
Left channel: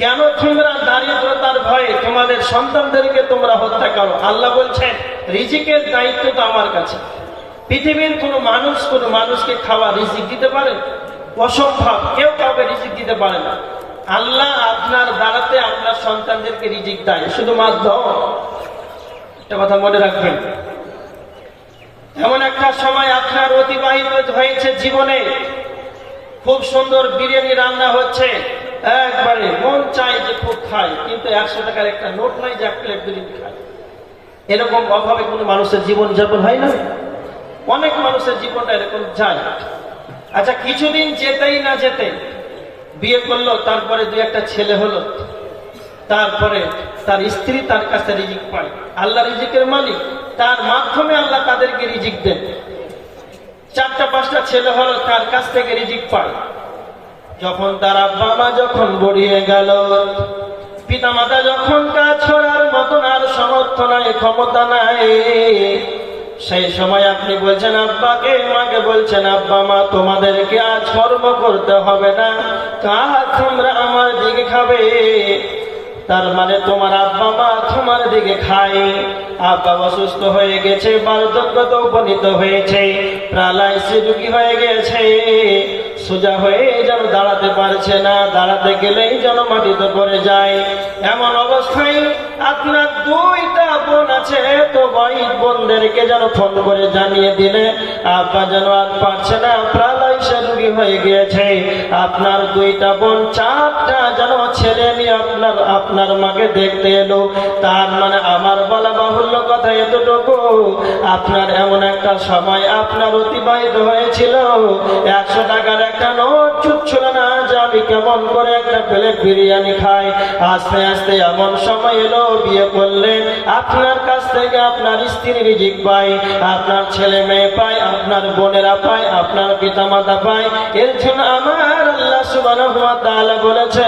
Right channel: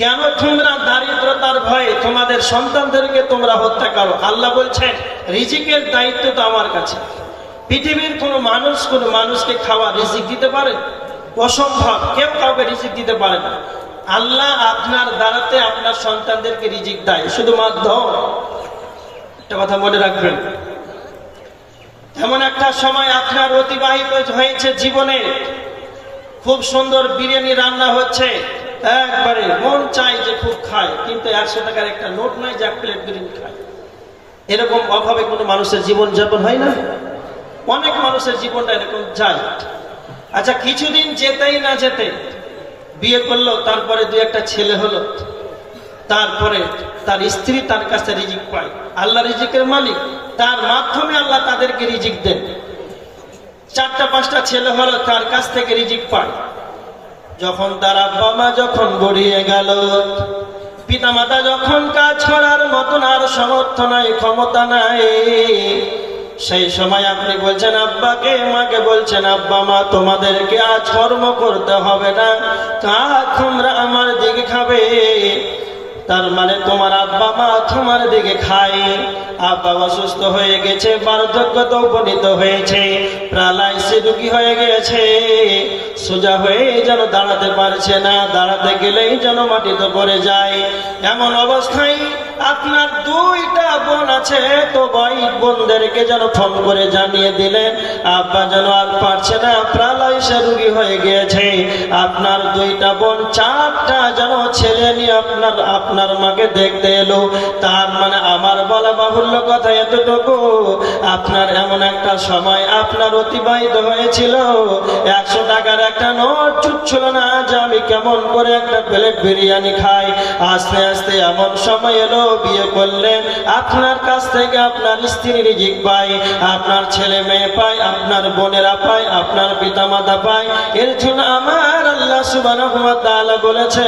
কেন তোমরা দারিদ্রতার ভয়ে তোমাদের সন্তানদেরকে তোমরা হত্যা করো? আল্লাহ বলছেন রিজিকের দায়িত্ব তো আমার কাছে। পৃথিবীর কোন মানুষকে খাওয়া রিজিক দিতে পারে? অসম্ভব, কেউ কাউকে রিজিক দিতে পারে না। আল্লাহ আপনার দ্বারাতে আপনার সন্তানদেরকে রিজিক দেয় শুধুমাত্র। একটা কথা মনে রাখবেন, এমন একটা সময় আপনার অতিবাহিত হয়েছে জীবনে, খুব সুন্দর বিরিয়ানি রান্না হচ্ছে, একবারে মন চাই যে খুব খায়, কিন্তু 100 টাকার একটা নোট নাই যে 1 প্লেট বিরিয়ানি খায়। এরকম অভাবে কোনো মানুষের জীবন যাপন হয় না? অনেক মানুষের জীবনটা এরকম যায়। আচ্ছা, কিছুদিন যেতেই না যেতে বিয়ে করলো, তারপরে 2-1টা ছেলে হলো, তারপরে তার স্ত্রী তার কাছে রিজিক পায়। আল্লাহ রিজিকের মালিক, তার মাধ্যমে আল্লাহ তাদেরকে রিজিক দেন। 4টা-5টা ছেলে হলো, তার কাছ থেকে রিজিক পায়। যখন তার আব্বা মা যখন বড়িয়ে গেল, পিতা মাতা যখন কাজ করার মতন আর সামর্থ্য নাই, ক্ষমতা নাই, সেই সময় আপনি বলছেন আব্বাকে, মাকে বলছেন আব্বা মা তোমাদেরকে আজ কর্ম করতে হবে না, তোমরা আমার দিকে খাবে। তার মানে তোমার আব্বা মা তোমার দিকে খায়। আব্বা অসুস্থ হয়ে গেছে, বার্ধক্যতে উপনীত হয়েছে, প্যারালাইসিস রোগী হয়ে গেছে, সোজা হয়ে যেন দাঁড়াতে পারছে না, দাঁড়াতে গেলেই যেন মাটিতে পড়ে যায়। এমন অবস্থায় আপনার 2টা বোন আছে, তো বোনদেরকে যেন ফোন করে জানিয়ে দিলে আব্বা যেন আর পারছে না, প্যারালাইসিস রোগী হয়ে গিয়েছে। আপনার 2টা বোন 4টা যেন ছেলে নিয়ে আপনার মাকে দেখতে এলো। তার মানে আমার বলা বাহুল্য কথা এতটুকু, আপনার এমন একটা সময় আপনার অতিবাহিত হয়েছিল, 100 টাকার একটা নোট ছুটছিল না যে আমি কেমন করে একটা প্লেট বিরিয়ানি খাই। আস্তে আস্তে এমন সময় এলো, বিয়ে করলেন, আপনার কাছ থেকে আপনার স্ত্রী রিজিক পায়, আপনার ছেলে মেয়ে পায়, আপনার বোনেরা পায়, আপনার পিতা মাতা পায়। এর জন্য আমার আল্লাহ সুবহানাহু ওয়া তাআলা বলেছে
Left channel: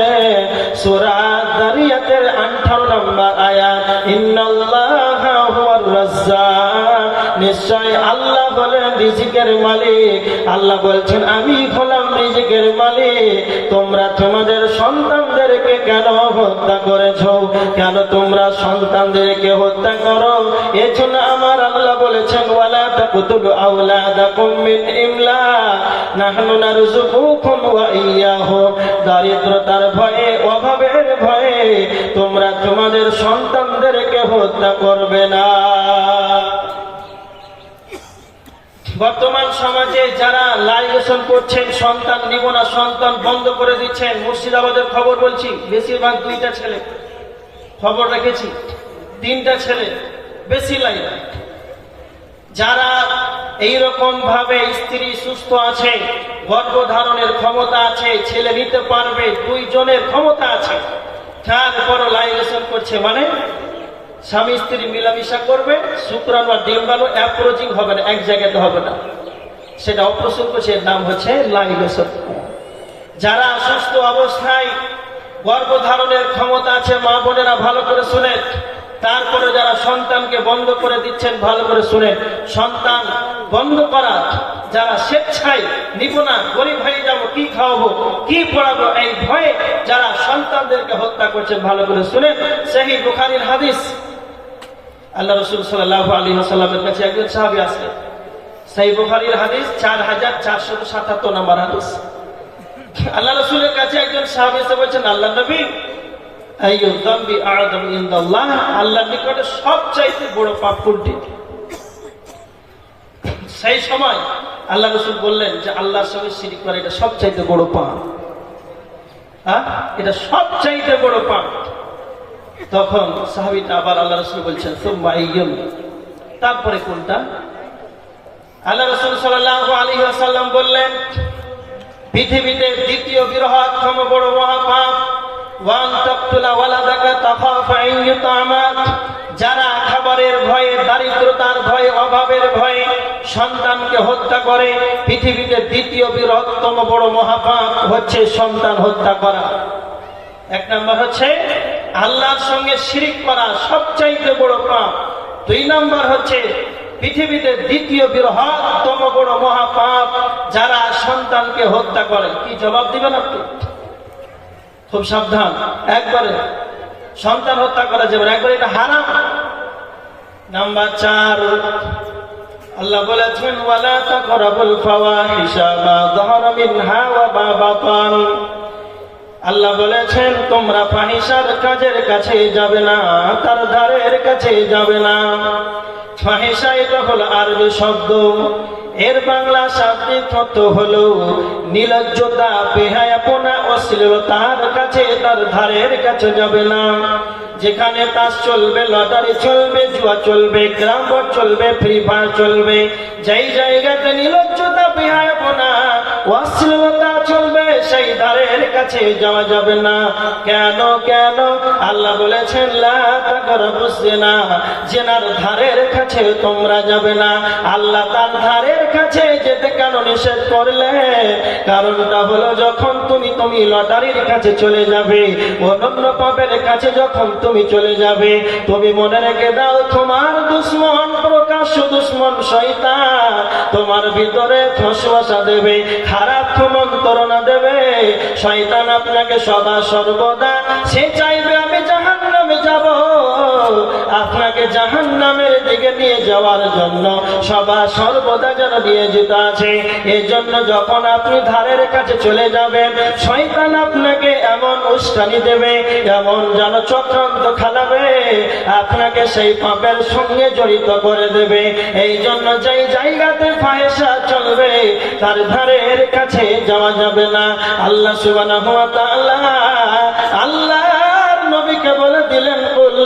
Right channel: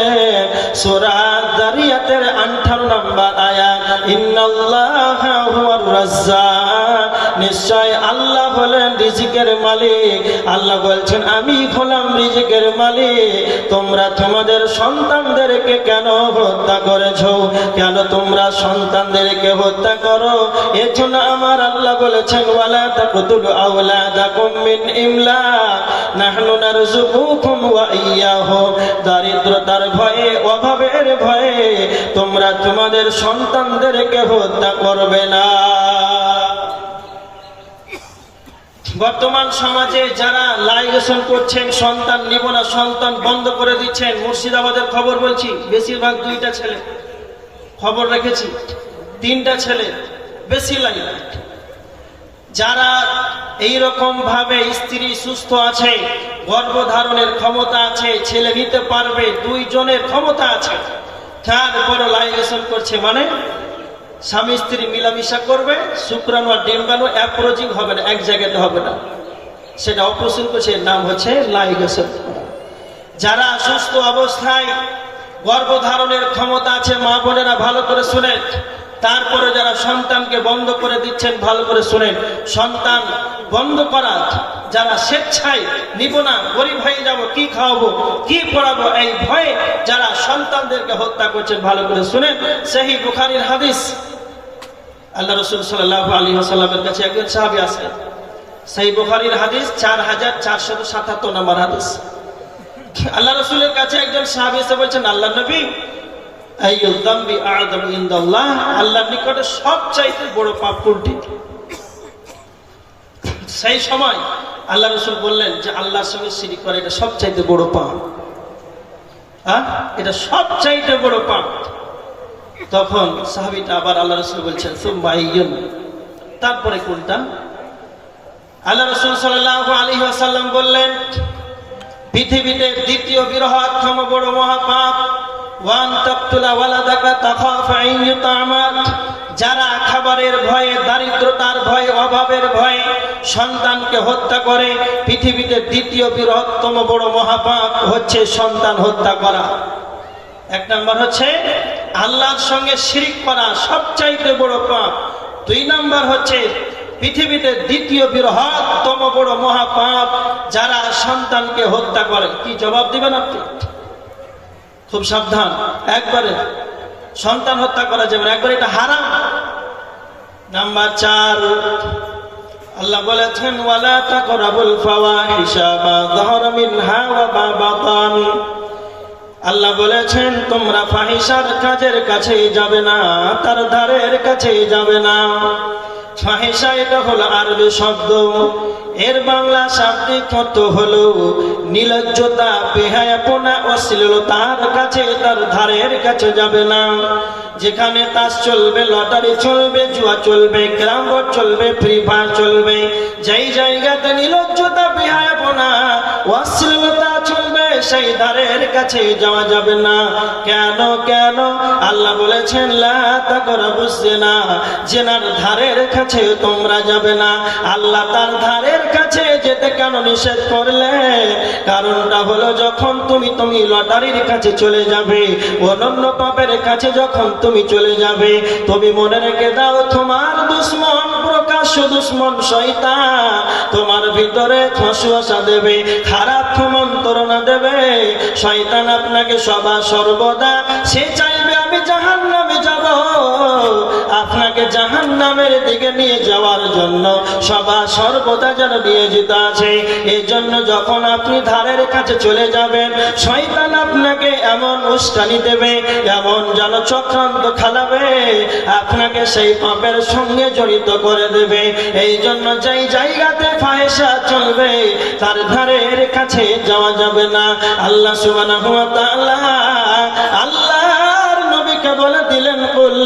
সূরা যারিয়াতের 58 নম্বর আয়াত, ইন্নাল্লাহা হুয়ার রাজ্জাক, নিশ্চয় আল্লাহ হলেন রিজিকের মালিক। আল্লাহ বলছেন আমি হলাম রিজিকের মালিক। তোমরা তোমাদের সন্তানদেরকে কেন হত্যা করেছো? কেন তোমরা সন্তানদেরকে হত্যা করো? এর জন্য আমার আল্লাহ বলেছেন ওয়ালা তাকতুলু আওলাদাকুম মিন ইমলাক নাহনু নারযুকুকুম ওয়া ইয়াহুম, দারিদ্রতার ভয়ে, অভাবের ভয়ে তোমরা তোমাদের সন্তানদেরকে হত্যা করবে না। বর্তমান সমাজে যারা লাইগেশন করছেন, সন্তান নিব না, সন্তান বন্ধ করে দিচ্ছেন, মুর্শিদাবাদের খবর বলছি, বেশিরভাগ 2টা ছেলে, খবর রেখেছি 3টা ছেলে, বেশি লাগে। যারা এইরকম ভাবে স্ত্রী সুস্থ আছে, গর্ভধারণের ক্ষমতা আছে, ছেলে নিতে পারবে, 2 জনের ক্ষমতা আছে, তারপর লাইগেশন করছে, মানে স্বামী স্ত্রী মিলামিশা করবে, শুক্রাণু আর ডিম্বাণু অ্যাপ্রোচিং হবে না, এক জায়গাতে হবে না, সেটা অপারেশন করছে, এর নাম হচ্ছে লাইগেশন। যারা সুস্থ অবস্থায় গর্ভধারণের ক্ষমতা আছে, মা বোনেরা ভালো করে শুনেন, তারপরে যারা সন্তানকে বন্ধ করে দিচ্ছেন, ভালো করে শুনেন, সন্তান বন্ধ করা, যারা স্বেচ্ছায় নিব না, গরিব হয়ে যাব, কি খাওয়াবো, কি পড়াবো, এই ভয়ে যারা সন্তানদেরকে হত্যা করছেন, ভালো করে শুনেন। সহিহ বুখারীর হাদিস, আল্লাহ রাসূল সাল্লাল্লাহু আলাইহি ওয়াসাল্লামের কাছে একজন সাহাবী আছে, সহিহ বুখারীর হাদিস 4477 নম্বর হাদিস। আল্লাহ রাসূলের কাছে একজন সাহাবী এসে বলছেন, আল্লাহর নবী, আইয়ুয যামবি আ'যামু ইনদাল্লাহ, আল্লাহর নিকটে সবচাইতে বড় পাপ কোনটি? সেই সময় আল্লাহ রাসূল বললেন যে আল্লাহর সঙ্গে শিরক করা এটা সবচাইতে বড় পাপ। এটা সবচাইতে বড় পাপ। তখন সাহাবীটা আবার আল্লাহ রাসূল বলছেন, সুম্মা আইয়ুন, তারপরে কোনটা? আল্লাহ রাসূল সাল্লাল্লাহু আলাইহি ওয়াসাল্লাম বললেন, পৃথিবীতে দ্বিতীয় বৃহত্তম বড় মহাপাপ, ওয়ান তাকতুলা ওয়ালাদাকা তাখাফু আন ইউতামাত, যারা খাবারের ভয়ে, দারিদ্রতার ভয়ে, অভাবের ভয়ে সন্তানকে হত্যা করে। পৃথিবীতে দ্বিতীয় বৃহত্তম বড় মহাপাপ হচ্ছে সন্তান হত্যা করা। এক নম্বর হচ্ছে আল্লাহর সঙ্গে শিরক করা, সবচাইতে বড় পাপ। দুই নম্বর হচ্ছে পৃথিবীতে দ্বিতীয় বৃহত্তম বড় মহাপাপ, যারা সন্তানকে হত্যা করে। কি জবাব দিবেন আপনি? খুব সাবধান, একবারে সন্তান হত্যা করা যাবে না, একবারে এটা হারাম। নাম্বার 4, আল্লাহ বলেছেন, ওয়ালা তাকরাবুল ফাওয়াহিশা মা যাহারা মিনহা ওয়া মা বাতান, আল্লাহ বলেছেন তোমরা ফাহিশার কাজের কাছে যাবে না, তার ধারের কাছে যাবে না। ফাহিশা এটা হলো আরবি শব্দ, এর বাংলা শাব্দিক অর্থ হলো নির্লজ্জতা, বেহায়াপনা, অশ্লীলতার কাছে, তার ধারের কাছে যাবে না। যেখানে তাস চলবে, লটারি চলবে, জুয়া চলবে, ক্যারাম বোর্ড চলবে, ফ্রি ফায়ার চলবে, যেই জায়গাতে নির্লজ্জতা, বেহায়াপনা, অশ্লীলতা চলবে, সেই ধারের কাছে যাওয়া যাবে না। কেন? আল্লাহ বলেছেন, লা তাকরাবুজ জিনা, জিনার ধারের কাছে তোমরা যাবে না। আল্লাহ তার ধারের কাছে যেতে কেন নিষেধ করলে? কারণটা হলো, যখন তুমি লটারির কাছে চলে যাবে, অনন্য পাপের কাছে যখন তুমি চলে যাবে, তুমি মনে রেখে দাও, তোমার দুশমন, প্রকাশ্য দুশমন শয়তান তোমার ভিতরে ওয়াসওয়াসা দেবে, খারাপ মন্ত্রণা দেবে। শয়তান আপনাকে সদা সর্বদা সে চাইবে আমি জাহান্নামে যাব, আপনাকে জাহান্নামের দিকে নিয়ে যাওয়ার জন্য সদা সর্বদা যেন নিয়োজিত আছে। এই জন্য যখন আপনি ধারের কাছে চলে যাবেন, শয়তান আপনাকে এমন উস্কানি দেবে, এমন যেন চক্রান্ত খালাবে, আপনাকে সেই পাপের সঙ্গে জড়িত করে দেবে। এই জন্য যেই জায়গাতে ফাহিশা চলবে, তার ধারের কাছে যাওয়া যাবে না। আল্লাহ সুবহানাহু ওয়া তাআলা আল্লাহর নবীকে বলে দিলেন, কুল,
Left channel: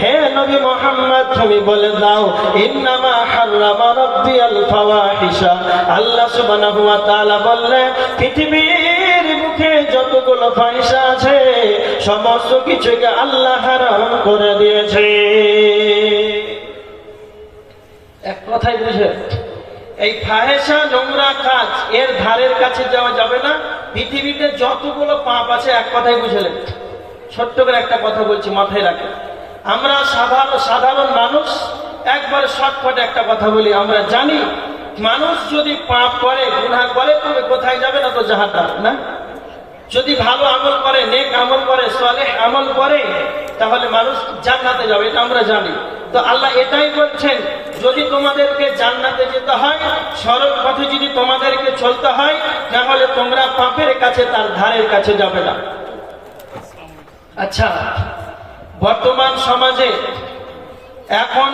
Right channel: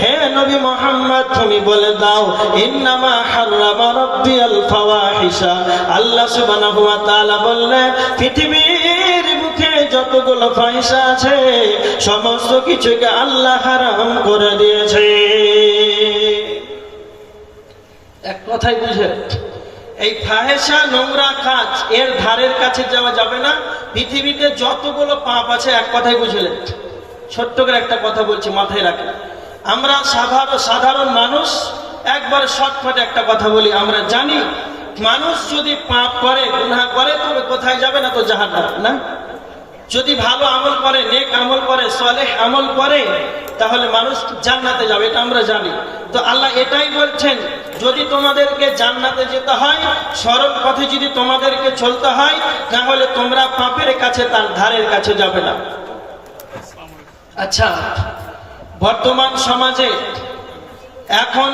হে নবী মুহাম্মদ তুমি বলে দাও, ইন্নামা হারামা রাব্বিয়াল ফাওয়াহিশা, আল্লাহ সুবহানাহু ওয়া তাআলা বললেন, পৃথিবীর মুখে যতগুলো ফাহিশা আছে সমস্ত কিছুকে আল্লাহ হারাম করে দিয়েছে। এক কথাই বুঝে, এই ফাহিশা, নোংরা কাজ, এর ধারের কাছে যাওয়া যাবে না। পৃথিবীতে যতগুলো পাপ আছে, এক কথাই বুঝলেন। ছোট্ট করে একটা কথা বলছি, মাথায় রাখেন। আমরা সাধারণ মানুষ, একবার শর্টকাট একটা কথা বলি, আমরা জানি মানুষ যদি পাপ করে, গুনাহ করে, তবে কোথায় যাবে না? তো জাহান্নাম, না? যদি ভালো আমল করে, নেক আমল করে, সালেহ আমল করে, তাহলে মানুষ জান্নাতে যাবে, এটা আমরা জানি। তো আল্লাহ এটাই বলছেন, যদি তোমাদেরকে জান্নাতে যেতে হয়, সরল পথে যদি তোমাদেরকে চলতে হয়, তাহলে তোমরা পাপের কাছে, তার ধারের কাছে যাবে না। আচ্ছা, বর্তমান সমাজে এখন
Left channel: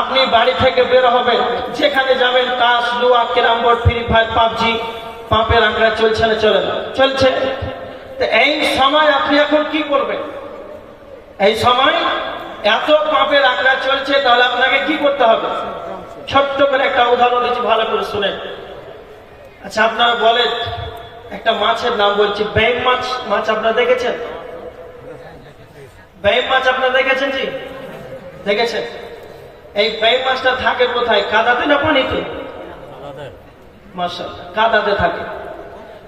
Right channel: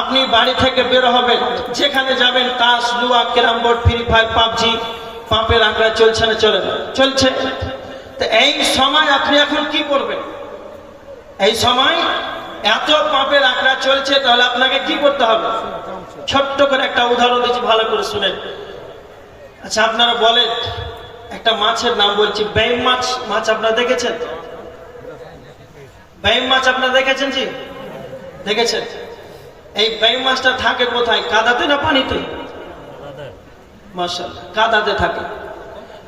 আপনি বাড়ি থেকে বের হবেন, যেখানে যাবেন তাস, লুয়া, carrom board, free fire, PUBG, পাপের আঁকড়া চলছে না? চলছে। তো এই সময় আপনি এখন কি করবেন? এই সময় এত পাপের আঁকড়া চলছে, তাহলে আপনাকে কি করতে হবে? ছোট্ট করে একটা উদাহরণ দিচ্ছি, ভালো করে শুনেন। আচ্ছা, আপনারা বলেন, একটা মাছের নাম বলছি, বেইম মাছ। মাছ আপনারা দেখেছেন? বেইম মাছ আপনারা দেখেছেন? জি, দেখেছেন। এই বেইম মাছটা থাকে কোথায়? কাদাতে না পানিতে? মাশাআল্লাহ, কাদাতে থাকে।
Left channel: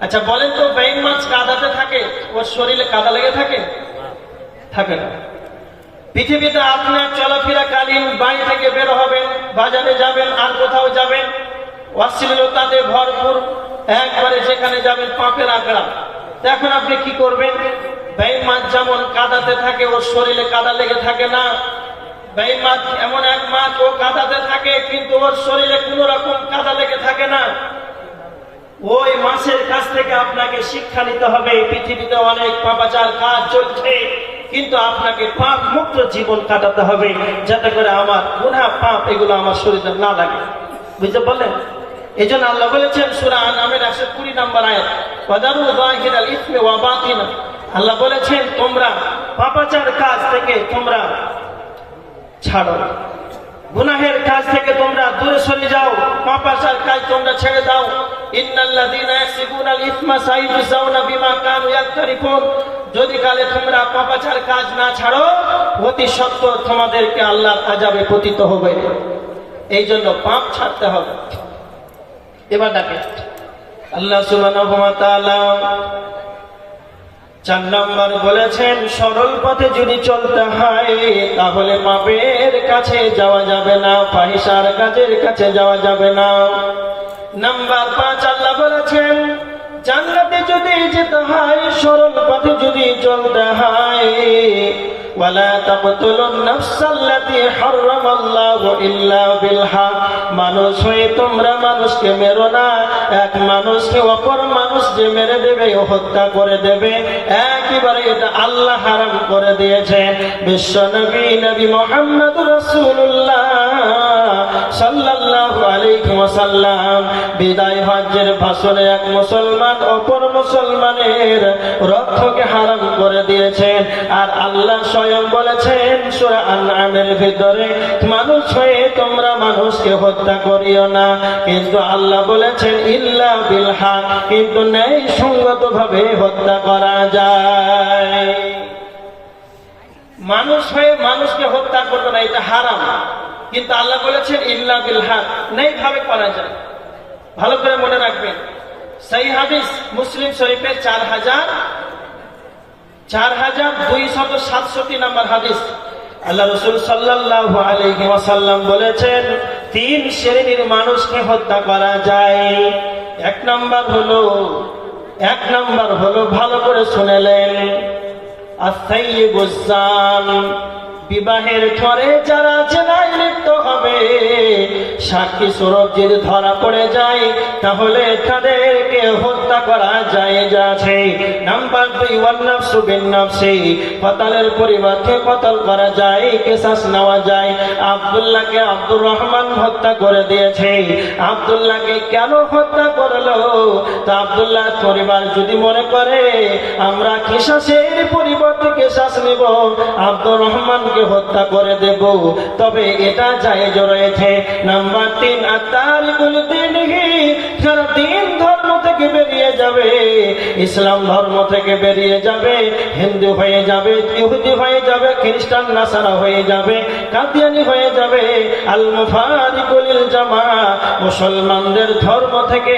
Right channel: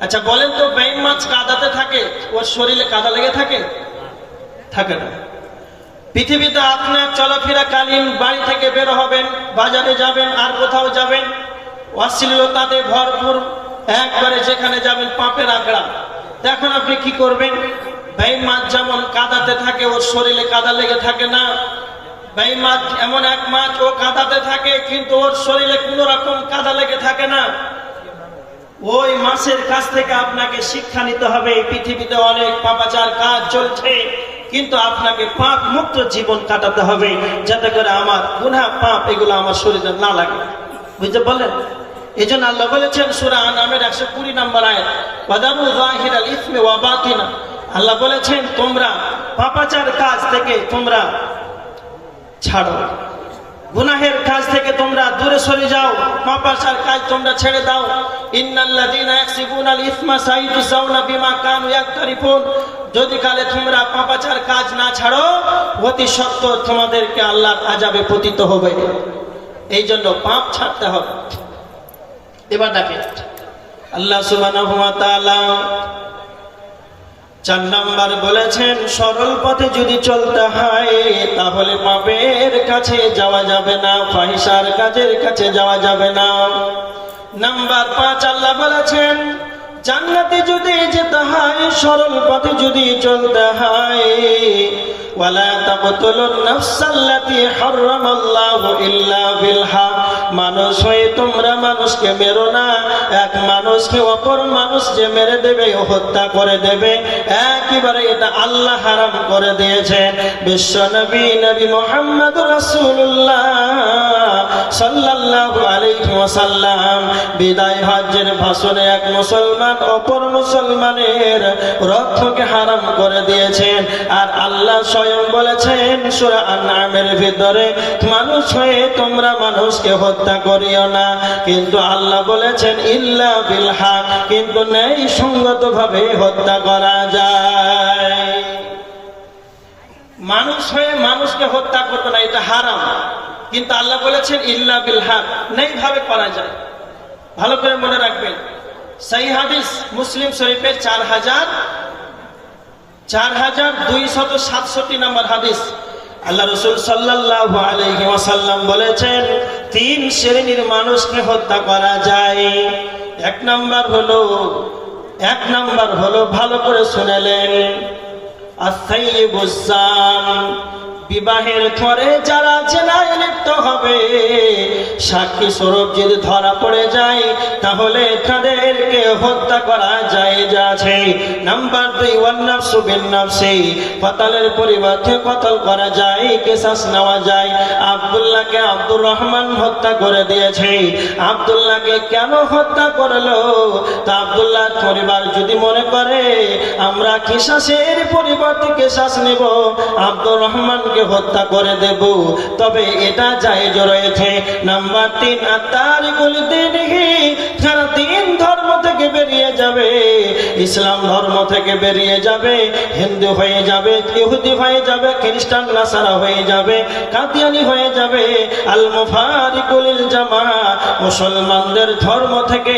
আচ্ছা বলেন তো, বেইম মাছ কাদাতে থাকে, ওর শরীরে কাদা লেগে থাকে? থাকে না। পৃথিবীতে আপনার চলাফেরাকালীন বাড়ি থেকে বের হবেন, বাজারে যাবেন, আর কোথাও যাবেন, অশ্লীলতাতে ভরপুর, একবারে যেখানে যাবেন পাপের আঁকড়া। এখন আপনি কি করবেন? বেঈমান যেমন কাদাতে থাকে, ওর শরীরে কাদা লেগে থাকে না। বেঈমান এমন এক মাছ, ও কাদাতে থাকে কিন্তু ওর শরীরে কোনো রকম কাদা লেগে থাকে না। ওই মাছের কাছ থেকে আপনাকে শিক্ষা নিতে হবে। পৃথিবীতে অনেক পাপাচার কাজ চলছে, কিন্তু আপনাকে পাপ মুক্ত জীবন কাটাতে হবে, যাতে করে আমার গুনাহ পাপ এগুলো আমার শরীরে না লাগে। বুঝতে পারলেন? এই জন্য আল্লাহ বলেছেন সূরা আনআমের 120 নম্বর আয়াত, ওয়াদারু যাহিরাল ইসমি ওয়া বাতিনা। আল্লাহ বলেছেন তোমরা পাপাচার কাজ থেকে তোমরা ছাড়ো, গুনাহের কাজ থেকে তোমরা দূরে সরে যাও, পাপাচার কাজ তোমরা ছেড়ে দাও। ইন্নাল্লাযীনা ইয়াকসিবুনাল ইসমা সাইয়ুজাউনা বিমা কানু ইয়াকতারিফুন। যদি কালে তোমরা পাপাচার কাজ না ছাড়ো, অতি সত্বর তোমাদেরকে আল্লাহর আযাবে পতিত হবে। এই জন্য পাপ ছাড়তে হবে। এবার দেখেন আল্লাহ সুবহানাহু ওয়া তাআলা 4 নম্বর বলেছেন, সরল পথে যদি চলতে হয় তাহলে পাপের কাছে যাওয়া যাবে না, ফাহিশার কাজের কাছে যাওয়া যাবে না। নাম্বার 5 আল্লাহ বলেছেন, জান্নাতে যদি যেতে হয় সরল পথে যদি চলতে হয়, ওয়ালা তাকতুলুন নাফসাল্লাতী হারামাল্লাহু ইল্লা বিল হক। মানুষ হয়ে তোমরা মানুষকে মেরো না। এক মানুষকে অপর মানুষ যে মেরে দেবে, হত্যা করে দেবে, একেবারে এটা আল্লাহ হারাম করে দিয়েছেন। বিশ্বনবী নবী মুহাম্মদুর রাসূলুল্লাহ সাল্লাল্লাহু আলাইহি ওয়াসাল্লাম বিদায় হজ্জের ভাষণে এক মুসলমান অপর মুসলমানের রক্তকে হারাম করে দিয়েছেন। আর আল্লাহ স্বয়ং বলেছেন সূরা আনআমের ভিতরে, মানুষ হয়ে তোমরা মানুষকে হত্যা করিও না, কিন্তু আল্লাহ বলেছেন ইল্লা বিল হক, কিন্তু ন্যায় সঙ্গত ভাবে হত্যা করা যায়। মানুষ হয়ে মানুষকে হত্যা করবে না, এটা হারাম, কিন্তু আল্লাহ বলেছেন ইল্লা বিল হক, ন্যায় ভাবে করা যায়। ভালো করে মনে রাখবেন, সহিহ হাদিস মুসলিম শরীফের 4267 নম্বর হাদিস। আল্লাহ রাসূল সাল্লাল্লাহু আলাইহি ওয়াসাল্লাম বলেছেন 3 শ্রেণীর মানুষকে হত্যা করা যায়। এক নাম্বার হলো ভালো করে শুনেলেন, আস-সাইয়্যিবুজ জান, বিবাহের পরে যারা জেনায় লিপ্ত হবে, সাক্ষী স্বরূপ যদি ধরা পড়ে যায় তাহলে তাদেরকে হত্যা করা জায়েজ আছে। নাম্বার 2 ওয়ান নাফসু বিন নাফসি, কতলের পরিবর্তে কতল করা যায়, কিসাস নেওয়া যায়। আব্দুল্লাহকে আব্দুর রহমান হত্যা করে দিয়েছে। আব্দুল্লাহকে কেন হত্যা করলো? তো আব্দুল্লাহর পরিবার যদি মনে করে আমরা কিসাসের পরিবর্তে কিসাস নেব, আব্দুর রহমান হত্যা করে দেব, তবে এটা জায়েজ রয়েছে। নাম্বার 3 আত-তারিকুল দীনিহি, যারা দ্বীন ধর্ম থেকে বেরিয়ে যাবে, ইসলাম ধর্ম থেকে বেরিয়ে যাবে, হিন্দু হয়ে যাবে, ইহুদি হয়ে যাবে, খ্রিস্টান নাসারা হয়ে যাবে, কাদিয়ানি হয়ে যাবে, আল মুফারিকুল লিল জামাআ, মুসলমানদের ধর্ম থেকে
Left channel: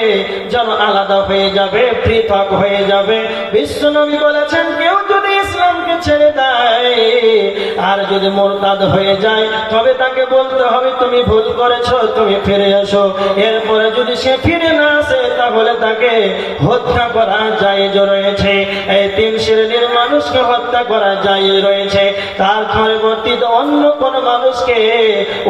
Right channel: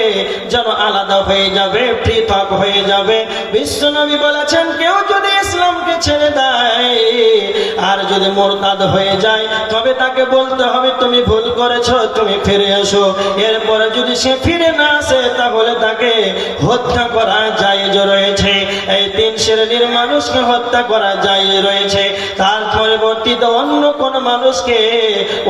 যেন আলাদা হয়ে যাবে, পৃথক হয়ে যাবে। বিশ্বনবী বলেছেন কেউ যদি ইসলামকে ছেড়ে দেয় আর যদি মুরতাদ হয়ে যায়, তবে তাকে বলতে হবে তুমি ভুল করেছো, তুমি ফিরে এসো। এরপরে যদি সে ফিরে না আসে তাহলে তাকে হত্যা করা জায়েজ রয়েছে। এই 3 শ্রেণীর মানুষকে হত্যা করা জায়েজ রয়েছে। তার পরবর্তীতে অন্য কোন মানুষকে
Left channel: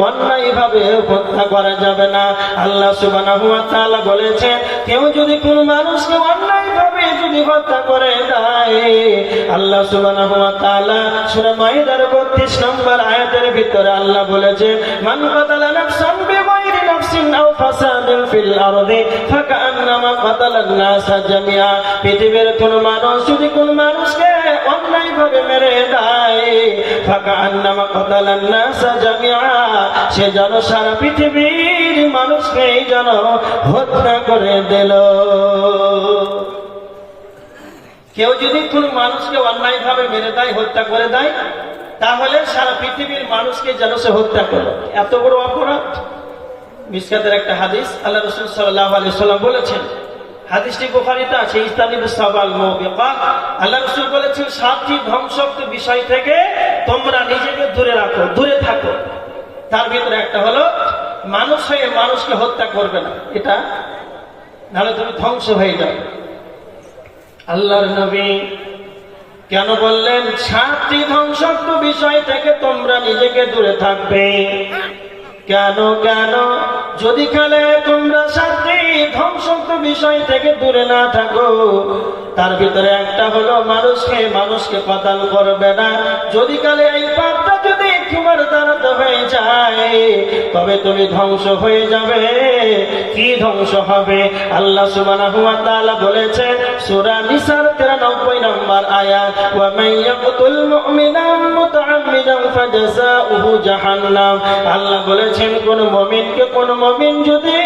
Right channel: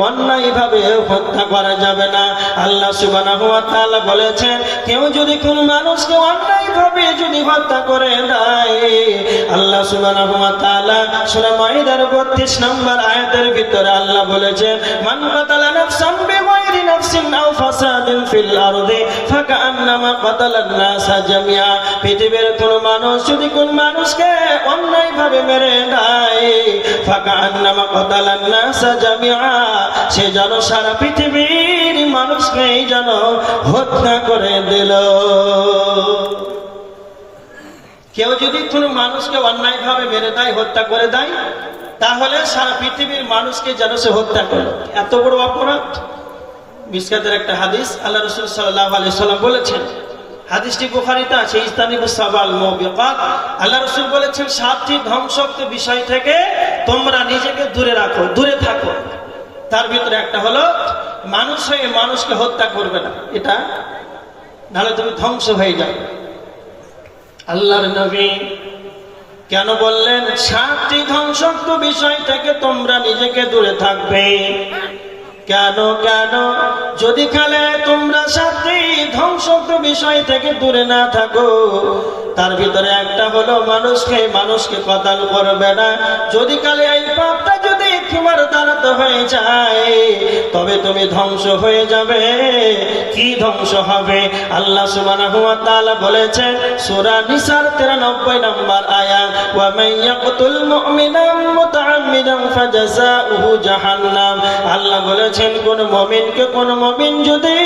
অন্যায়ভাবে হত্যা করা যাবে না। আল্লাহ সুবহানাহু ওয়া তাআলা বলেছেন কেউ যদি কোন মানুষকে অন্যায়ভাবে যদি হত্যা করে দেয়, আল্লাহ সুবহানাহু ওয়া তাআলা সূরা মাইদার 32 নম্বর আয়াতের ভিতরে আল্লাহ বলেছেন, মান কাতালা নাফসান বিগাইরি নাফসিন আও ফাসাদিন ফিল আরদি ফাকান্নামা কাতালান নাসা জামিআ। পৃথিবীর কোন মানুষ যদি কোন মানুষকে অন্যায়ভাবে মেরে দেয়, ফাকান্নামা কাতালান নাসা জামিআ, সে যেন সারা পৃথিবীর মানুষকেই যেন হত্যা করে দিল। কেউ যদি কোন মানুষকে অন্যায়ভাবে মেরে দেয়, হত্যা করে দেয়, তাহলে সারা পৃথিবীর মানুষকে যেন সে হত্যা করে। এত বড় অপরাধ। মিশকাতের একটা হাদিস, আল্লাহ রাসূল সাল্লাল্লাহু আলাইহি সাল্লাম বলেছেন, হাদিসটি বুখারীতে আছে, ইস্তানিবুস সাবাল মুবিকাত। আল্লাহ রাসূল বলেছেন 7টি ধ্বংসাত্মক বিষয় থেকে তোমরা নিজেকে দূরে রাখো, দূরে থাকো। তার ভিতরে একটা হলো মানুষ হয়ে মানুষকে হত্যা করবে না, এটা নাহলে তুমি ধ্বংস হয়ে যাবে। আল্লাহর নবী কেন বললেন 7টি ধ্বংসাত্মক বিষয় থেকে তোমরা নিজেকে দূরে থাকবে? কেন কেন? যদি কালে তোমরা 7টি ধ্বংসাত্মক বিষয় থেকে দূরে না থাকো, তার ভিতরে একটা হলো মানুষকে কতল করবে না। যদি কালে এই পাপটা যদি তোমার দ্বারা হয়ে যায়, তবে তুমি ধ্বংস হয়ে যাবে। কি ধ্বংস হবে? আল্লাহ সুবহানাহু ওয়া তাআলা বলেছেন সূরা নিসার 93 নম্বর আয়াত, ওয়া মান ইয়াকতুল মুমিনান মুতাআম্মিদান ফাজাযাউহু জাহান্নাম। আল্লাহ বলেছেন কোন মুমিন যদি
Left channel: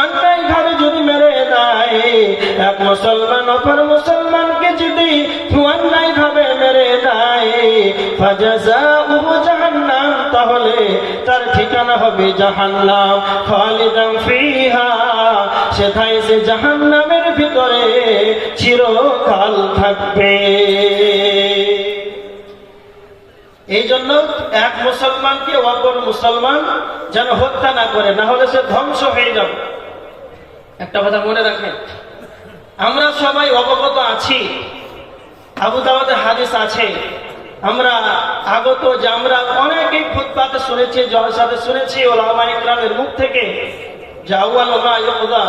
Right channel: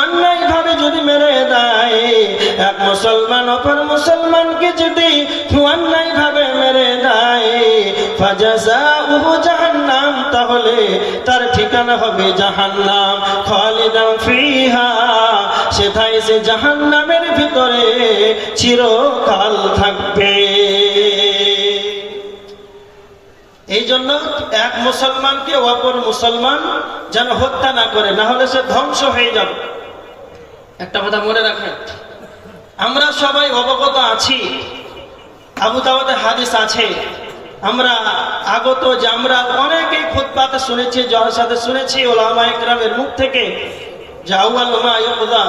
অন্যায়ভাবে যদি মেরে দেয়, এক মুসলমান অপর মুসলমানকে যদি অন্যায়ভাবে মেরে দেয়, ফাজাযাউহু জাহান্নাম, তাহলে তার ঠিকানা হবে জাহান্নাম, খালিদান ফিহা, সেথায় সে জাহান্নামের ভিতরে চিরকাল থাকবে। এই জন্য এক মুসলমানকে অপর মুসলমান যেন হত্যা না করে, না হলে সে ধ্বংস হয়ে যাবে। একটা কথা মনে রাখবেন, আমরা সবাই অবগত আছি, আবু দাউদে হাদিস আছে, আমরা আগত যে আমরা অনেকেই খুতবাতে শুনেছি, জলসাতে শুনেছি উলামায়ে কেরামের মুখ থেকে, যে আউয়াল মা ইউযা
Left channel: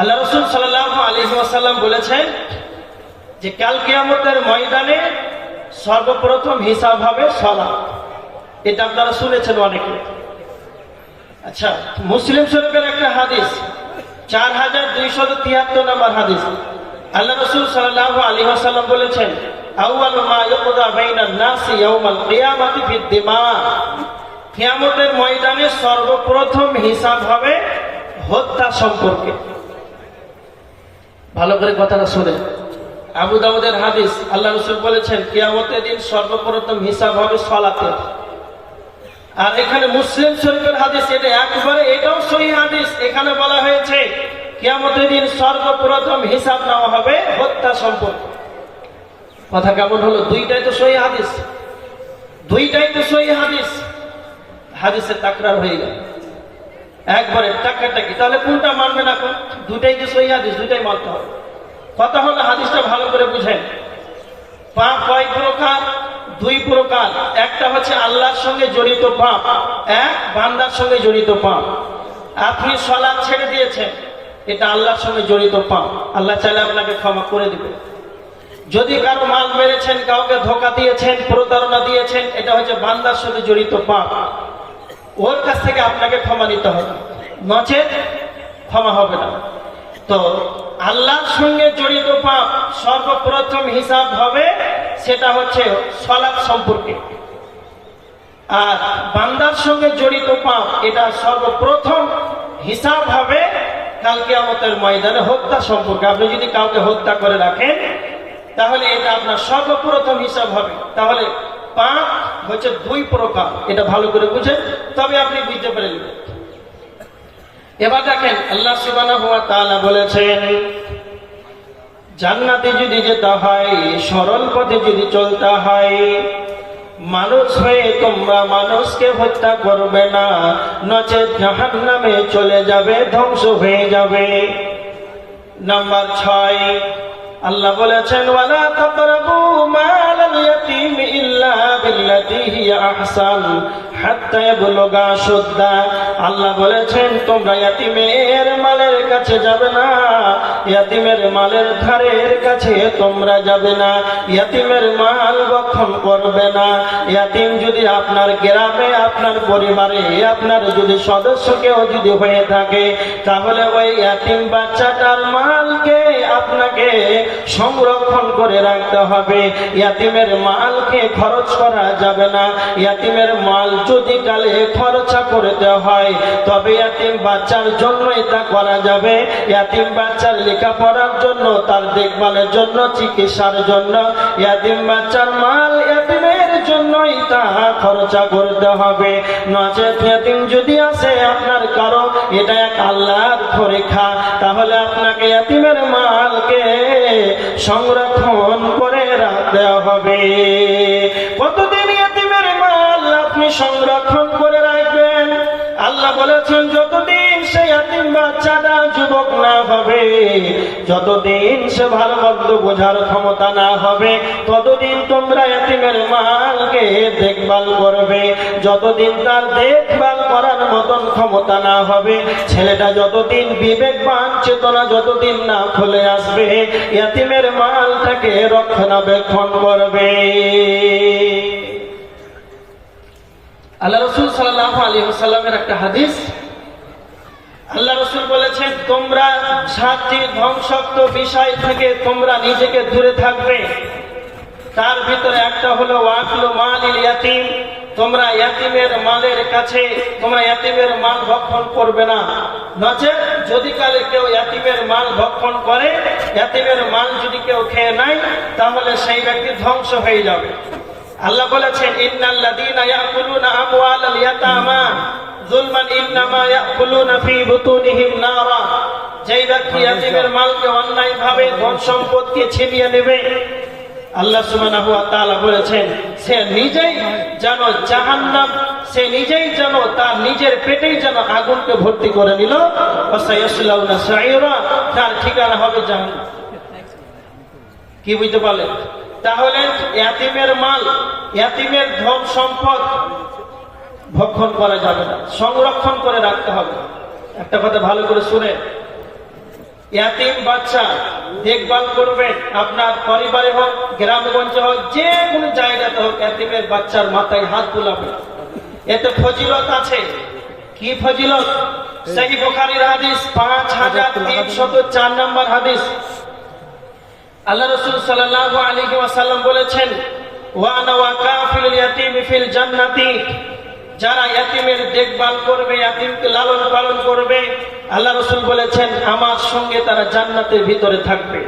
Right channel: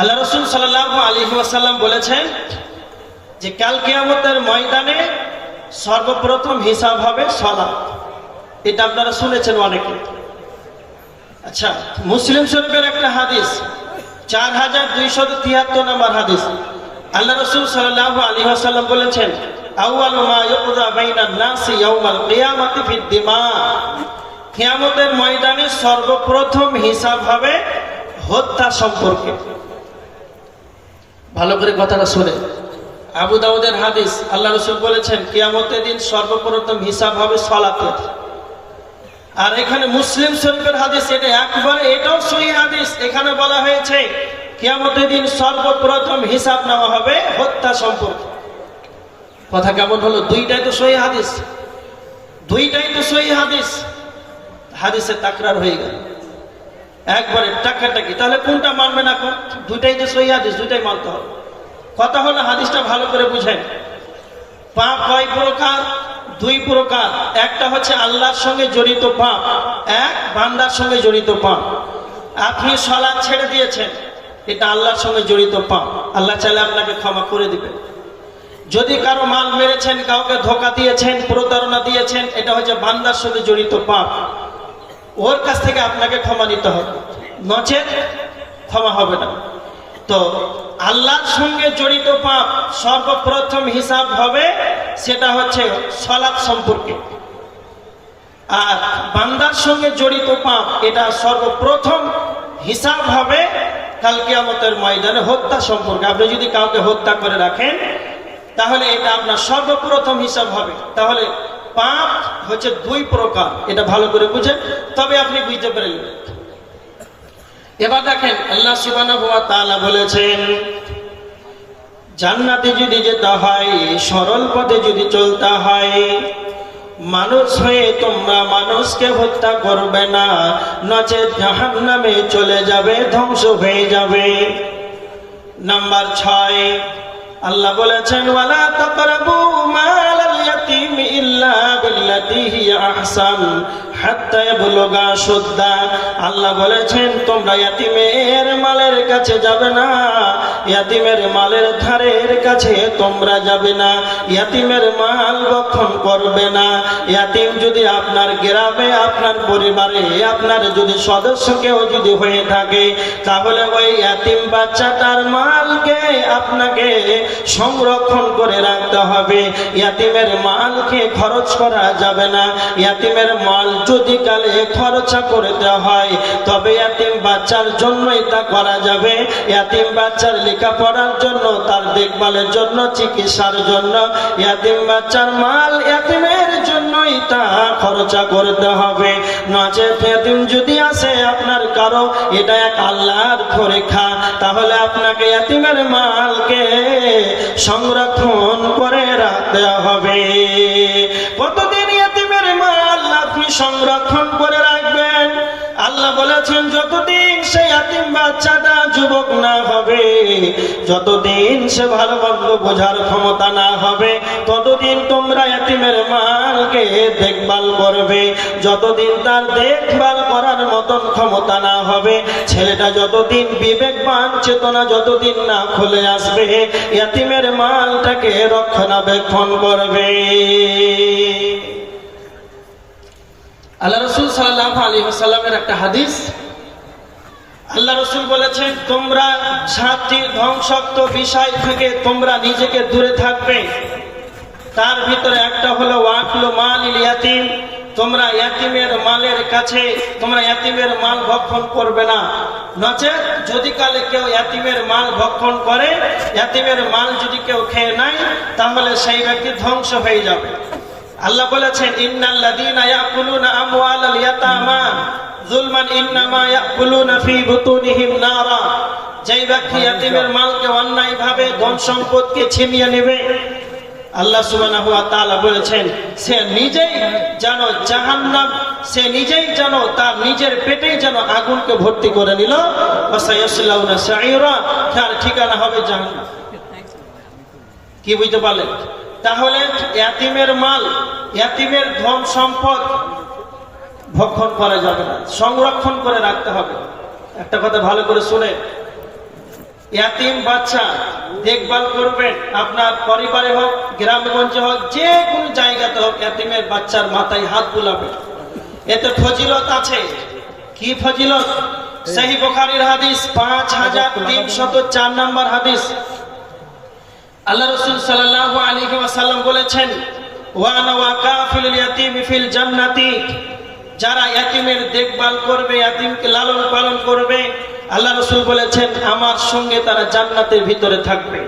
আল্লাহ রাসূল সাল্লাল্লাহু আলাইহি ওয়াসাল্লাম বলেছেন যে কাল কিয়ামতের ময়দানে সর্বপ্রথম হিসাব হবে সালাত। এটা আপনারা শুনেছেন অনেকে। আচ্ছা, মুসলিম শরীফের একটা হাদিস 4273 নম্বর হাদিস, আল্লাহ রাসূল সাল্লাল্লাহু আলাইহি ওয়াসাল্লাম বলেছেন আউয়ালু মা ইউকযা বাইনান নাসি ইয়াউমাল কিয়ামাতি ফিদ দিমা। কিয়ামতের ময়দানে সর্বপ্রথম হিসাব হবে হত্যা সম্পর্কে। ভালো করে কথাটা শুনে, আবু দাউদের হাদিস, আল্লাহ রাসূল বলেছেন কিয়ামতের দিন সর্বপ্রথম হিসাব হবে সালাতের। আর এখানে মুসলিম শরীফের হাদিস, এটা একবারে এটাও সহিহ হাদিস, এখানে বলা হয়েছে কিয়ামতের দিন সর্বপ্রথম হিসাব নেওয়া হবে হত্যা সম্পর্কে। কথা কেমন হলো? দুইটাই তো সহিহ হাদিস, দুইটাই তো সহিহ হাদিস, হাদিসে তাকরার হয়ে গেল একবারে টাকাটাকি। তাহলে কোনটা মানবে না? দুইটাই তো সহিহ হাদিস, দুইটাই মানতে হবে। কথা হলো হাদিসটা ভালো করে বুঝেন। পাপ কয় প্রকার? 2 প্রকার। একটা হচ্ছে আল্লাহর সঙ্গে জড়িত পাপ, এক বান্দার সঙ্গে জড়িত পাপ। আপনি সালাত ছেড়ে দিয়েছেন, এটা আল্লাহর সঙ্গে জড়িত পাপ, আল্লাহ চাইলে আপনাকে ক্ষমা করে দিবেন। যদি কারো মাল মেরেছেন, কাউকে ধোঁকা দিয়েছেন, প্রতারণা দিয়েছেন, এটা হচ্ছে বান্দার সঙ্গে জড়িত পাপ, ওর কাছ থেকে আপনাকে ক্ষমা নিতে হবে, নচেত ক্ষমা হবে না। তো আল্লাহর সঙ্গে জড়িত পাপ সর্বপ্রথম হিসাব হবে, সেটা হচ্ছে সালাত সম্পর্কে। আর বান্দার সঙ্গে জড়িত পাপ, এটা সর্বপ্রথম হিসাব হবে কাল কিয়ামতের ময়দানে হত্যা সম্পর্কে। আপনি যদি কাউকে হত্যা করে রাখেন, তাহলে এটা আপনার সর্বপ্রথম হিসাব হবে। তাহলে পাপ হচ্ছে 2 প্রকার, এটা ভালো করে বুঝেন, তবে আপনি বুঝতে পারলেন। এবার দেখেন আল্লাহ সুবহানাহু ওয়া তাআলা বলেছেন জান্নাতে যদি যেতে হয়, সরল পথে যদি চলতে হয়, মানুষ হয়ে তোমরা মানুষকে হত্যা করবে না, নচেত জাহান্নামে চলে যাবে, ধ্বংস হয়ে যাবে। নাম্বার 6, আল্লাহ বলেছেন ওয়ালা তাকরাবু মালাল ইয়াতীম ইল্লা বিল্লাতী হিয়া আহসান হাত্তা ইয়াবলুগা শুদ্দা। আল্লাহ বলেছেন তোমরা ইয়াতীমের মালের কাছে যাবে না, ইয়াতীমের মালের ধারের কাছে তোমরা যাবে না, ইয়াতীমের মাল ভক্ষণ করবে না। ইয়াতীম যদি আপনার গ্রামে, আপনার পরিবারে, আপনার যদি সদস্য কেউ যদি হয়ে থাকে, তাহলে ওই ইয়াতীম বাচ্চাটার মালকে আপনাকে সংরক্ষণ করে রাখতে হবে। ইয়াতীমের মালকে খরচ করা যাবে না। ইয়াতীমের মাল যদি কালে খরচা করতে হয়, তবে ইয়াতীম বাচ্চার জন্যই তা করা যাবে। ইয়াতীম বাচ্চার লেখাপড়ার জন্য, তার দেখভালের জন্য, চিকিৎসার জন্য ইয়াতীম বাচ্চার মাল ইয়াতীমের জন্যই তা খরচা করতে হবে। নচেত ইয়াতিম যদি আসে আপনার কারো, এটা এক আল্লাহর পরীক্ষা, তাহলে আপনাকে ইয়াতিমের মালকে সংরক্ষণ করে রাখতে হবে। কতদিন ইয়াতিমের মাল আপনি সংরক্ষণ করে রাখবেন? আল্লাহ বলেছেন যতদিন সে ইয়াতিম বাচ্চাটা যুবক না হবে, যতদিন সে ভালো মন্দ বোঝার ক্ষমতা না হবে, ততদিন তোমরা ইয়াতিমের মালকে দেখভাল করবে। যতদিন তার দেখভাল করার মতন ক্ষমতা না হবে, ছেলেটা যতদিন বিবেকবান চেতনা যতদিন না খুলে আসবে, ইয়াতিমের মালটাকে রক্ষণাবেক্ষণ করবে। আল্লাহ রাসূল সাল্লাল্লাহু আলাইহি ওয়াসাল্লামের একটা হাদিস, আল্লাহ রাসূল বলেছেন তোমরা 7টি ধ্বংসাত্মক বিষয় থেকে তোমরা নিজেকে দূরে থাকবে। তার ভিতরে একটা হলো ওয়াকলু মালিল ইয়াতিম, তোমরা ইয়াতিমের মালের কাছে তোমরা ইয়াতিমের মাল ভক্ষণ করবে না। নচেত যদি কালে কেউ ইয়াতিমের মাল ভক্ষণ করে, ইয়াতিমের মাল যদি কেউ খেয়ে নেয়, তাহলে সেই ব্যক্তি ধ্বংস হয়ে যাবে। আল্লাহ বলেছেন ইন্নাল্লাযীনা ইয়াকুলুনা আমওয়ালাল ইয়াতামা যুলমান ইন্নামা ইয়াকুলুনা ফী বুতুনিহিম নারা, যেই ব্যক্তি ইয়াতিমের মালকে অন্যায়ভাবে ধন সম্পদকে ছিনিয়ে নেবে, আল্লাহ সুবহানাহু ওয়া তাআলা বলেছেন সে নিজেই যেন জাহান্নাম, সে নিজেই যেন তার নিজের পেটেই যেন আগুনকে ভর্তি করে নিল। ওয়াসায়াসলাউনা সাঈরা, তার ঠিকানা হবে জাহান্নাম। কি বুঝতে পারলেন? তাহলে ইয়াতিমের মাল, ইয়াতিমের ধন সম্পদ ভক্ষণ করা যাবে না, সংরক্ষণ করে রাখতে হবে। একটা কথা ভালো করে শুনে, ইয়াতিম বাচ্চা দেখভাল করবেন, আপনার পরিবারে হোক, গ্রামগঞ্জে হোক, যে কোনো জায়গাতে হোক, ইয়াতিমের বাচ্চার মাথায় হাত বুলাবে। এতে ফজিলত আছে। কি ফজিলত? সহিহ বুখারীর হাদিস 5304 নম্বর হাদিস। আল্লাহ রাসূল সাল্লাল্লাহু আলাইহি ওয়াসাল্লাম বলেছেন ওয়া আনা ওয়া কাফিলুল ইয়াতিম ফিল জান্নাতি, যারা ইয়াতিমের দেখভাল করবে, ইয়াতিমকে লালন পালন করবে, আল্লাহ রাসূল বলেছেন আমার সঙ্গে তারা জান্নাতের ভিতরে থাকবে।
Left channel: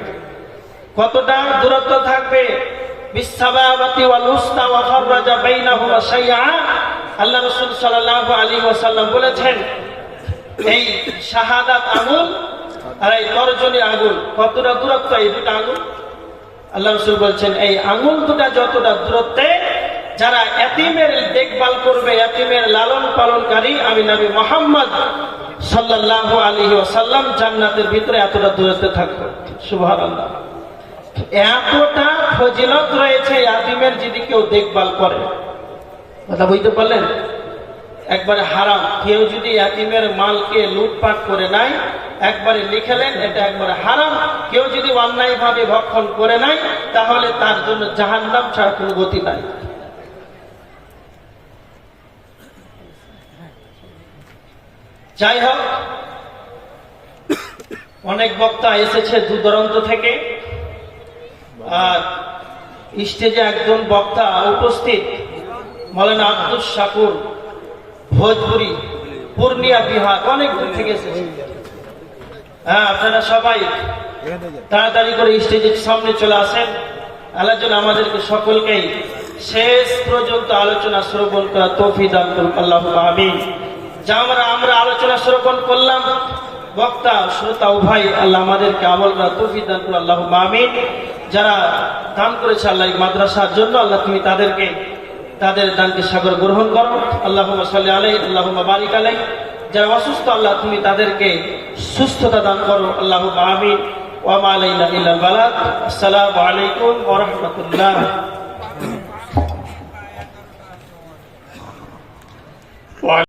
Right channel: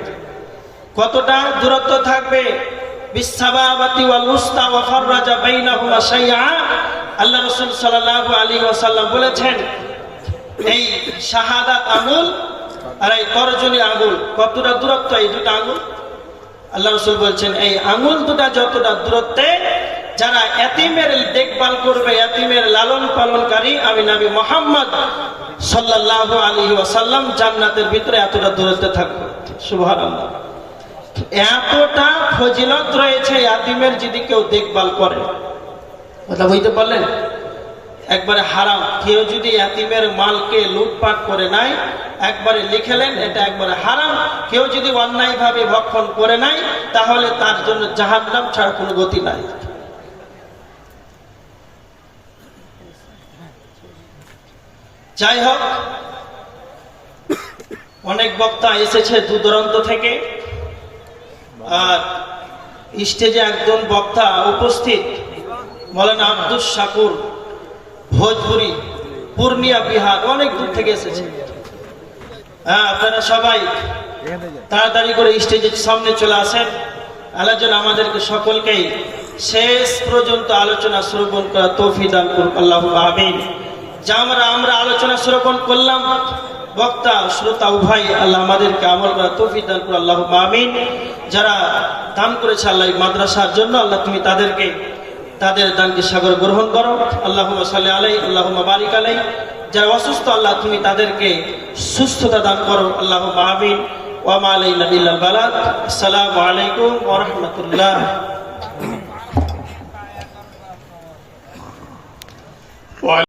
কতটা দূরত্ব থাকবে? বিসাবাবাতি ওয়াল উস্তা ওয়া ফাররাজা বাইনাহু ওয়া শাইআ। আল্লাহ রাসূল সাল্লাল্লাহু আলাইহি ওয়াসাল্লাম বলেছেন এই শাহাদাত আঙ্গুল আর এই তর্জনী আঙ্গুল কতটা দূরত্ব? এই দুটো আঙ্গুল, আল্লাহ রাসূল বলছেন এই আঙ্গুল দুটো যতটা দূরত্বে যারা ইয়াতিমের দেখভাল করবে, ইয়াতিমের লালন পালনকারী, আমি নবী মুহাম্মদ সাল্লাল্লাহু আলাইহি ওয়াসাল্লাম জান্নাতের ভিতরে এতটা দূরত্বে থাকবে। সুবহানাল্লাহ, এতটা ফজিলত রয়েছে ইয়াতিমের যদি কেউ দেখভাল করে। কথা বুঝতে পারলেন? একবারে হারাম। কেউ যদি ইয়াতিমের মালকে লুটপাট করে নাই, একবারে লিখেলেন এটা একবারে হারাম। কেউ যদি অন্যায়ভাবে ভক্ষণ করে নাই, তাহলে তার জন্য জাহান্নাম ছাড়া কোনো গতি নাই। যাই হোক, অনেক বক্তা এসেছে দূর দূরান্ত থেকে, আর স্টেজে একজন বক্তা উপস্থিত মাওলানা আব্দুস শাকুর, ভোজপুরি, পূর্ণিয়া, বিহার, অনেক দূর থেকে এসেছে। হ্যাঁ, আপনারা সবাই তাড়াতাড়ি করে স্টেজের সামনে চলে আসেন। আল্লাহ যেন আমাদেরকে সকলকেই শেষ পর্যন্ত আলোচনা শ্রবণ করা তৌফিক দান করুন, আল্লাহুম্মা আমিন। যা আমরা আলোচনা শ্রবণ করলাম, বক্তা শ্রোতা উভয়, আল্লাহ আমাদেরকে আমল করা তৌফিক দান করুন, আল্লাহুম্মা আমিন। যারা দান করেছে আল্লাহ এই মাদ্রাসার জন্য, আল্লাহ তুমি তাদের দানকে সাগর গ্রহণ করো, আল্লাহুম্মা সাল্লি আলাইহি আল্লাহুম্মা বারিক আলাইহি। যারা অসুস্থ আল্লাহ তুমি তাদেরকে সুস্থতা দান করো, আল্লাহুম্মা আমিন। ওয়া মা আলাইনা ইল্লাল বালাগ। আসসালামু আলাইকুম ওয়া রাহমাতুল্লাহ।